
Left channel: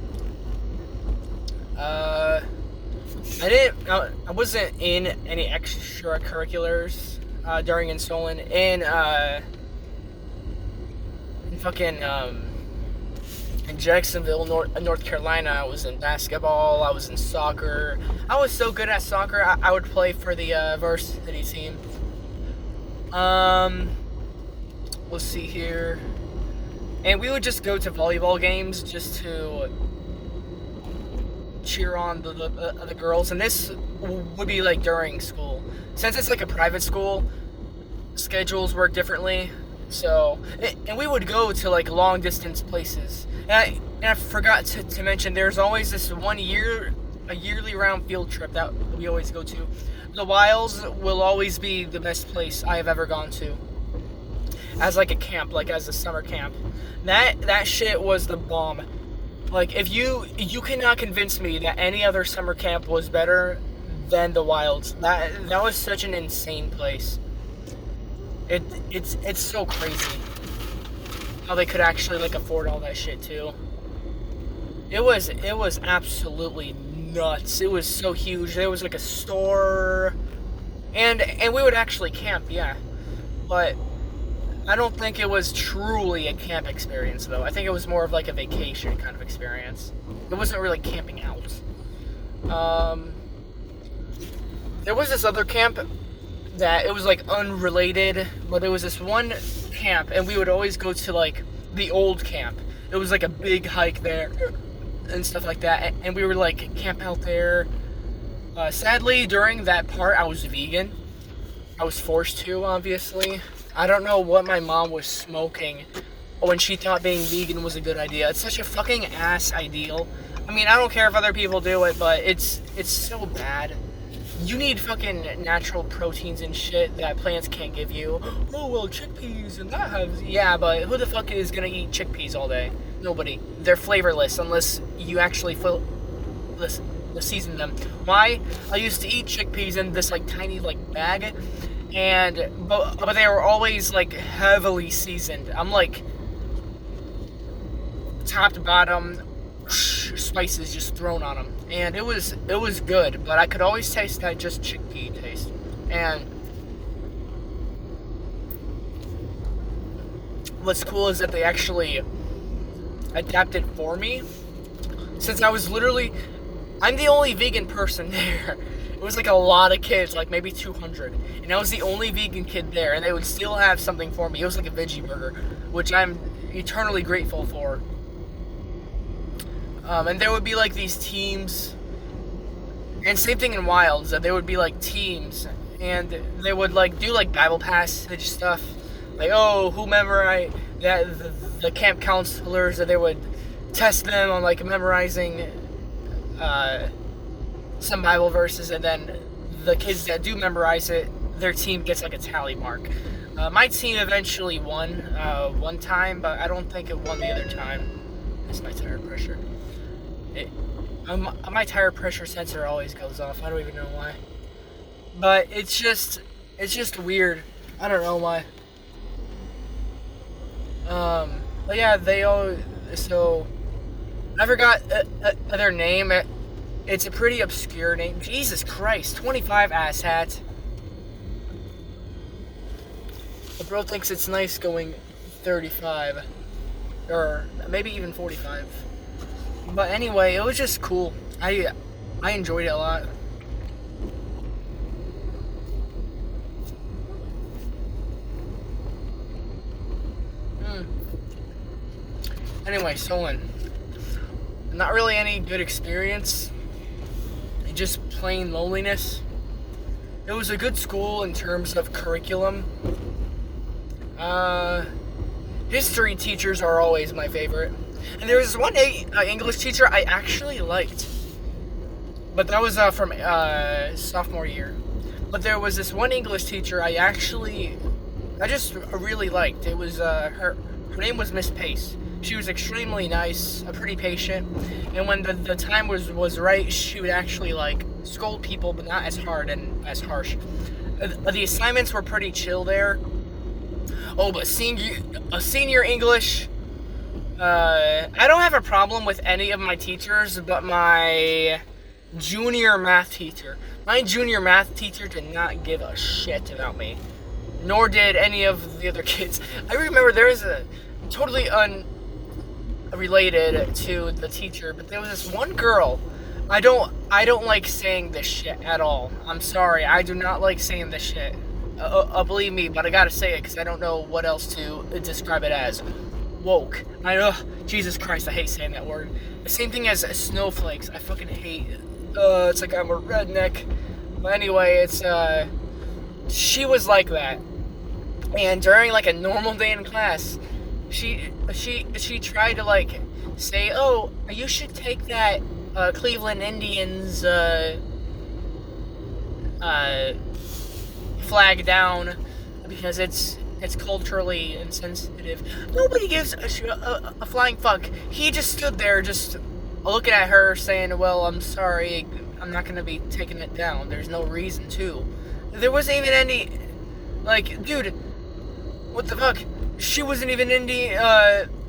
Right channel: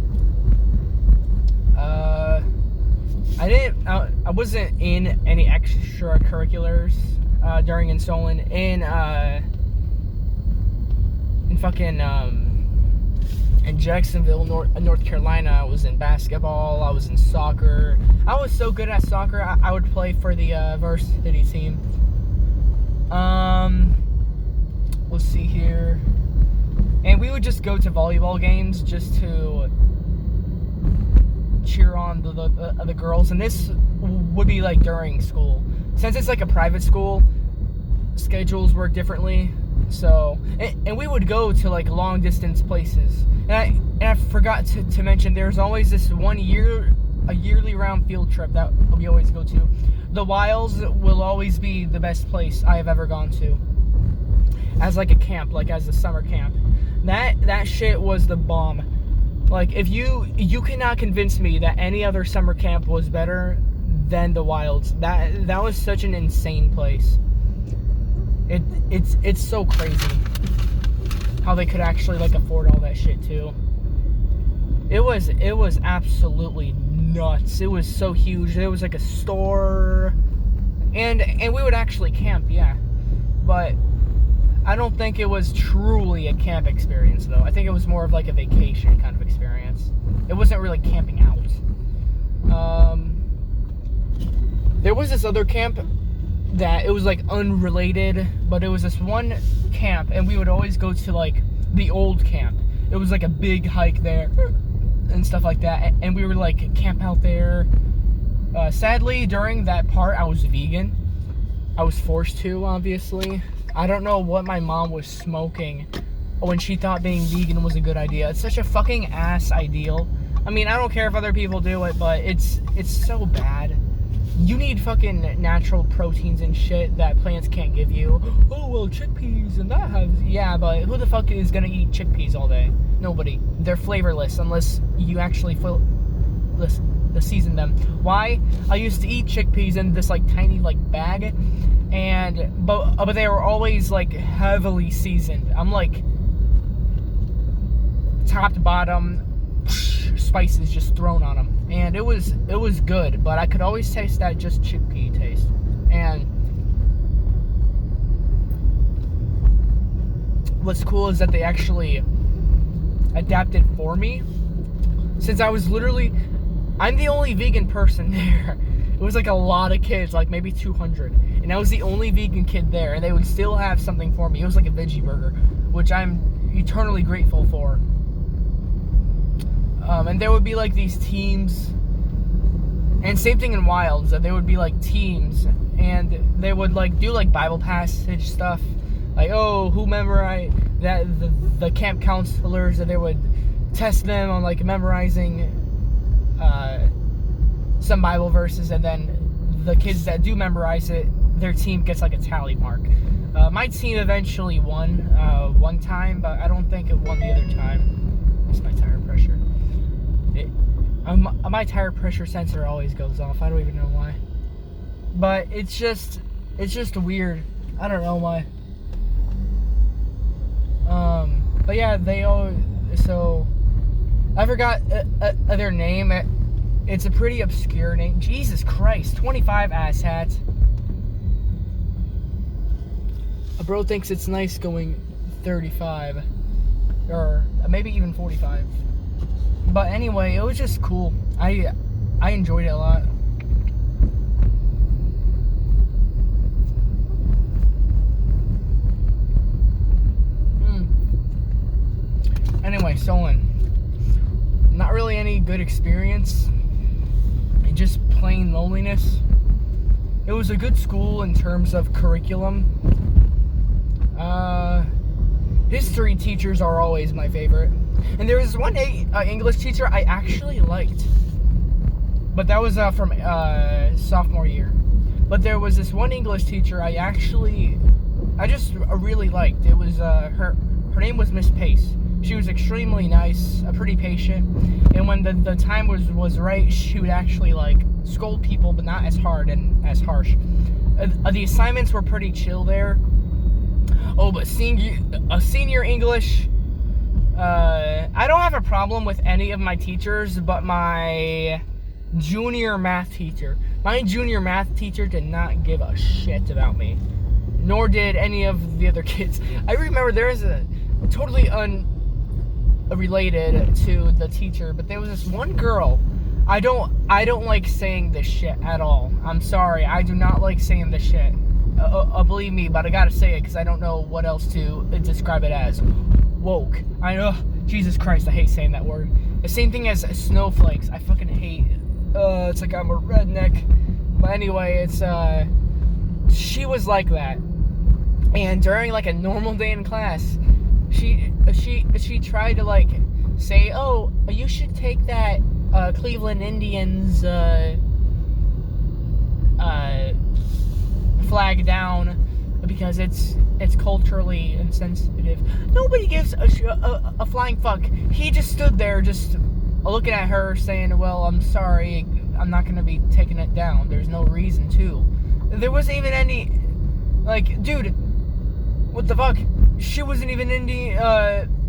I wasn't in any extracurriculars during Insolent. In Jacksonville, North Carolina, I was in basketball. I was in soccer. I was so good at soccer. I would play for the varsity team. Let's see here. And we would just go to volleyball games just to cheer on the girls, and this would be like during school. Since it's like a private school, schedules work differently. So, and we would go to like long distance places. And I forgot to mention, there's always this a yearly round field trip that we always go to. The Wilds will always be the best place I have ever gone to. As like a camp, like as a summer camp. That shit was the bomb. Like, if you cannot convince me that any other summer camp was better than the Wilds. That was such an insane place. It's so crazy how they could actually like afford all that shit too. It was absolutely nuts. It was so huge. There was like a store, and we would actually camp, yeah. But I don't think it was truly a camp experience, though. I think it was more of like a vacation kind of experience. It wasn't really camping out. There was this other camp that it was like unrelated, but it was this one camp, and we would always go to like the old camp. It was like a big hike there and stuff like that, and we would like camp out there. Sadly, during that part, I was vegan. I was forced to, obviously. I don't know what my mom was smoking when she thought being vegan was a good idea. It's such a fucking ass ideal. I mean, I don't care if other people do it, but it's so bad. You need fucking natural proteins and shit that plants can't give you. Oh, well, chickpeas and that has... Yeah, but who the fuck is gonna eat chickpeas all day? Nobody. They're flavorless unless you actually season them. Why? I used to eat chickpeas in this like tiny like bag, but they were always like heavily seasoned. I'm like top to bottom, spices just thrown on them, and it was good. But I could always taste that just chickpea taste. And what's cool is that they actually adapted for me, since I'm the only vegan person there. It was like a lot of kids, like maybe 200, and I was the only vegan kid there, and they would still have something for me. It was like a veggie burger, which I'm eternally grateful for. And there would be like these teams, and same thing in Wilds, that there would be like teams, and they would like do like Bible passage stuff, like, oh, who memorized that, the camp counselors, that they would test them on like memorizing some Bible verses, and then the kids that do memorize it, their team gets like a tally mark. My team eventually won one time, but I don't think it won the other time. That's my tire pressure. My tire pressure sensor always goes off. I don't even know why. But it's just weird. I don't know why. But yeah, so I forgot their name. It's a pretty obscure name. Jesus Christ, 25 asshat. A bro thinks it's nice going 35, or maybe even 45. But anyway, it was just cool. I enjoyed it a lot. Anyway, Solon. Not really any good experience. Just plain loneliness. It was a good school in terms of curriculum. History teachers are always my favorite. And there was one English teacher I actually liked. But that was from sophomore year. But there was this one English teacher I just really liked. It was her name was Miss Pace. She was extremely nice, pretty patient, and when the time was right, she would actually like scold people, but not as hard and as harsh. The assignments were pretty chill there. Oh, but senior English, I don't have a problem with any of my teachers, but my junior math teacher did not give a shit about me, nor did any of the other kids. I remember there was a totally unrelated to the teacher, but there was this one girl. I don't like saying this shit at all. I'm sorry, I do not like saying this shit. Believe me, but I gotta say it because I don't know what else to describe it as. Woke. Jesus Christ, I hate saying that word. The same thing as snowflakes. I fucking hate. It's like I'm a redneck. But anyway, she was like that. And during like a normal day in class, she tried to like say, oh, you should take that Cleveland Indians flag down because it's culturally insensitive. Nobody gives a flying fuck. He just stood there just looking at her saying, well, I'm sorry, I'm not gonna be taking it down. There's no reason to. There wasn't even any, like, dude, what the fuck? She wasn't even Indian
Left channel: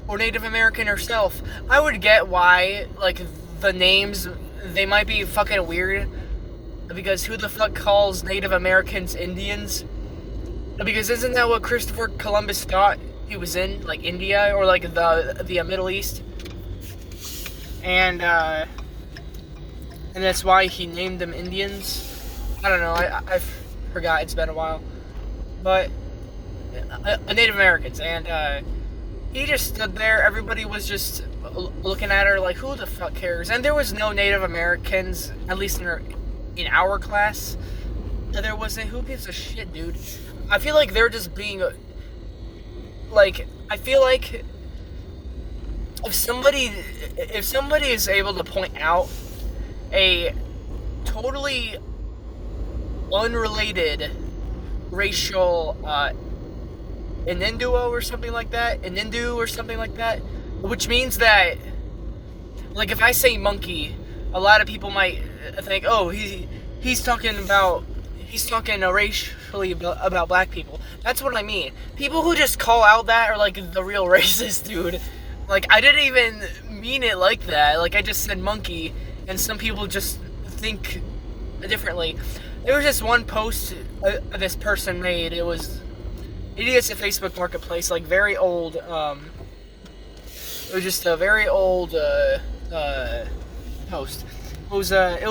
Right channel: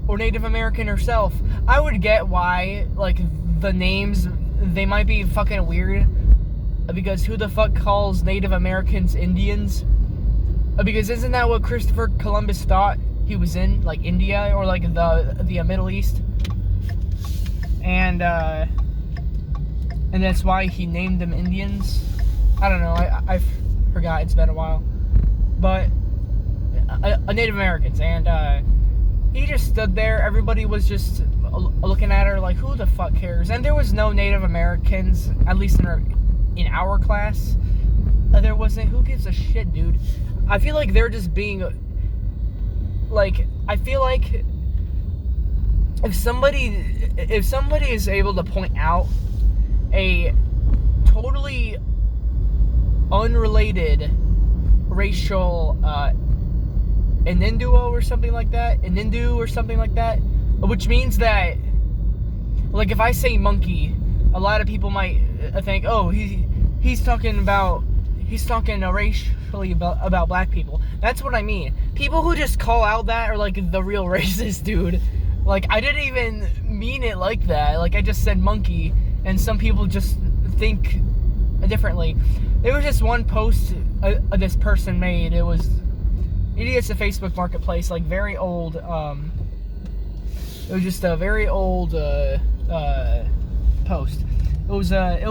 or Native American herself. I would get why, like, the names, they might be fucking weird, because who the fuck calls Native Americans Indians? Because isn't that what Christopher Columbus thought he was in, like India or like the Middle East? And that's why he named them Indians. I don't know. I forgot. It's been a while. But Native Americans, and he just stood there. Everybody was just looking at her like, who the fuck cares? And there was no Native Americans, at least in our class. There wasn't. Who gives a shit, dude? I feel like they're just being like, I feel like if somebody is able to point out a totally unrelated racial Inindu or something like that, which means that, like, if I say monkey, a lot of people might think, oh, he's talking racially about black people. That's what I mean. People who just call out that are like the real racist, dude. Like, I didn't even mean it like that. Like, I just said monkey, and some people just think differently. There was just one post this person made. It was idiots at Facebook Marketplace, like very old. It was just a very old post. It was not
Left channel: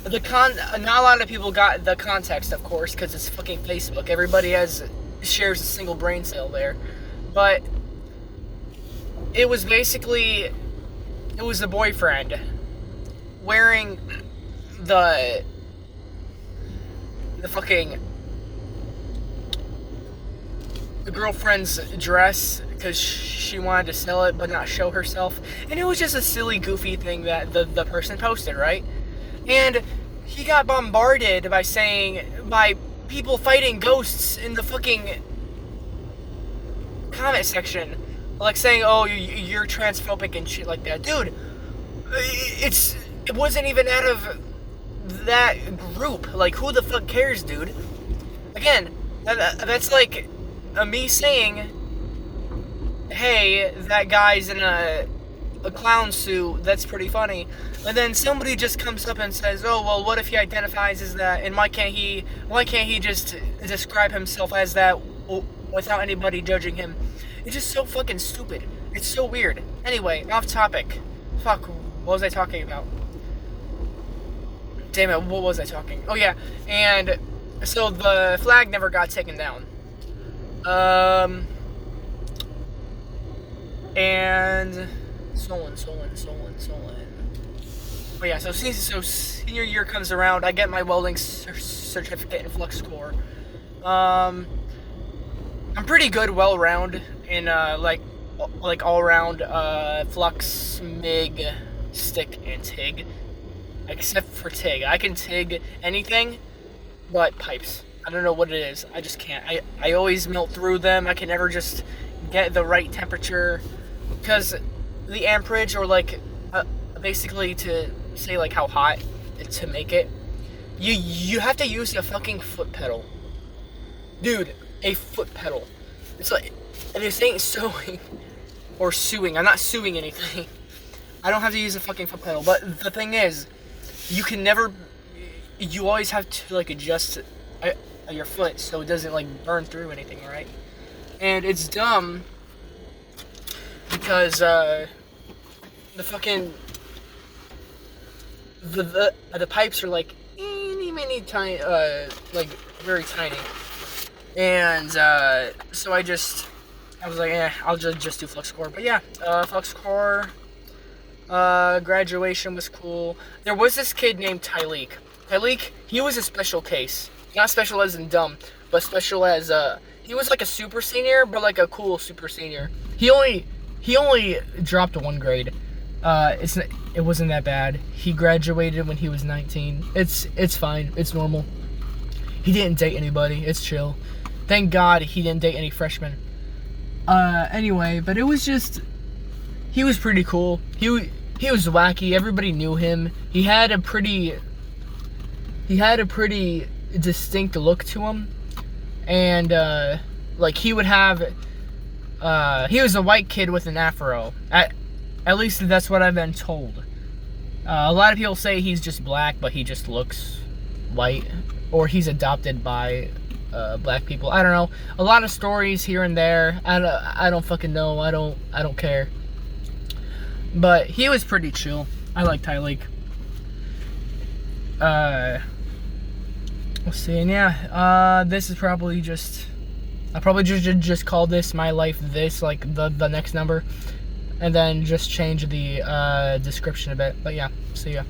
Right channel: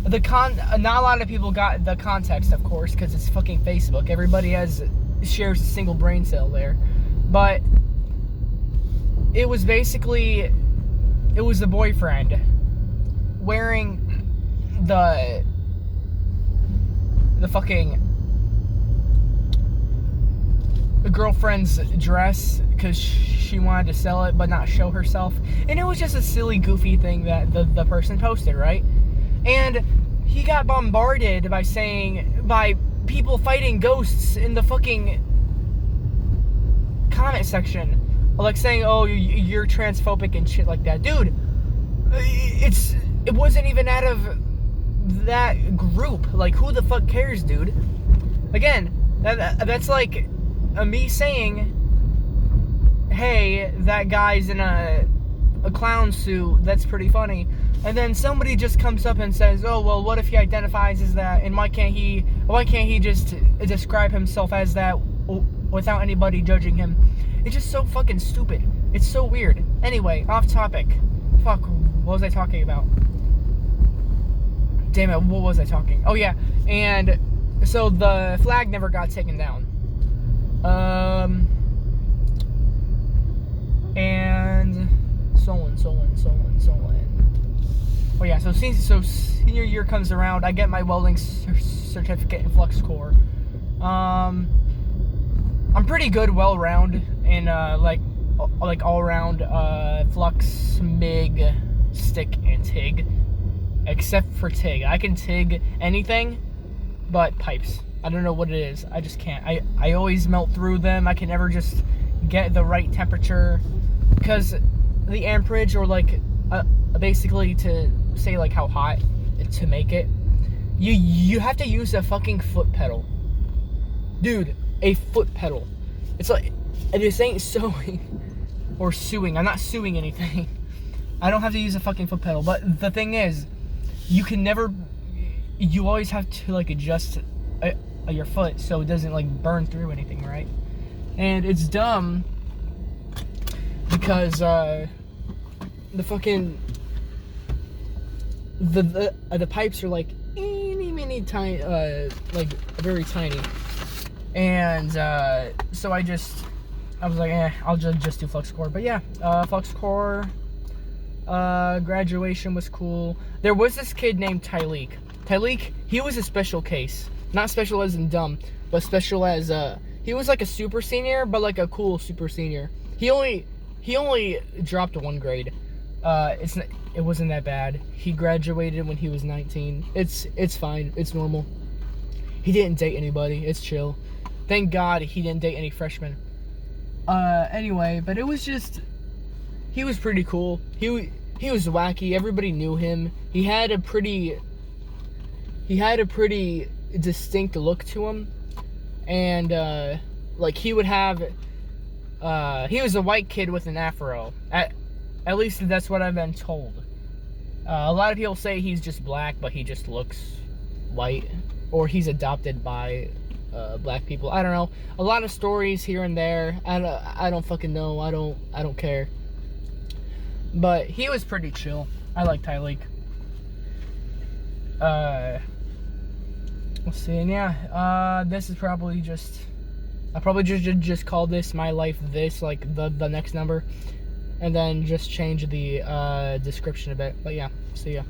a lot of people got the context, of course, because it's fucking Facebook. Everybody shares a single brain cell there, but it was basically, it was the boyfriend wearing the fucking girlfriend's dress because she wanted to sell it but not show herself, and it was just a silly, goofy thing that the person posted, right? And he got bombarded by people fighting ghosts in the fucking comment section, like saying, oh, you're transphobic and shit like that. Dude, it wasn't even out of that group. Like, who the fuck cares, dude? Again, that's like me saying, hey, that guy's in a clown suit, that's pretty funny. And then somebody just comes up and says, oh, well, what if he identifies as that, and why can't he just describe himself as that without anybody judging him? It's just so fucking stupid. It's so weird. Anyway, off topic. Fuck, what was I talking about? Damn it, what was I talking? Oh yeah, and so the flag never got taken down. And so on. Oh yeah, so senior year comes around, I get my welding certificate in flux core. I'm pretty good well-round in like all-round flux, MIG, stick, and TIG. Except for TIG. I can TIG anything but pipes. I don't know what it is. I just can't. I always melt through them. I can never just get the right temperature, because the amperage, or like basically to say like how hot to make it, you have to use a fucking foot pedal. Dude, a foot pedal. It's like, this ain't sewing or suing. I'm not suing anything. I don't have to use a fucking foot pedal. But the thing is, you always have to like adjust your foot so it doesn't like burn through anything, right? And it's dumb because the fucking the pipes are like mini tiny, like very tiny, and so I was like, I'll just do flux core. But yeah, flux core. Graduation was cool. There was this kid named Tyleek. He was a special case. Not special as in dumb, but special as he was like a super senior, but like a cool super senior. He only dropped 1 grade. It wasn't that bad. He graduated when he was 19. It's fine. It's normal. He didn't date anybody. It's chill. Thank God he didn't date any freshmen. Anyway, but it was just, he was pretty cool. He was wacky. Everybody knew him. He had a pretty distinct look to him, and like he would have, he was a white kid with an afro. At least that's what I've been told. A lot of people say he's just black, but he just looks white, or he's adopted by black people. I don't know. A lot of stories here and there. I don't fucking know. I don't care. But he was pretty chill. I like Tyleek. Let's see, and yeah, this is probably just, I'll probably just call this my life this, like the next number, and then just change the description a bit. But yeah, see ya.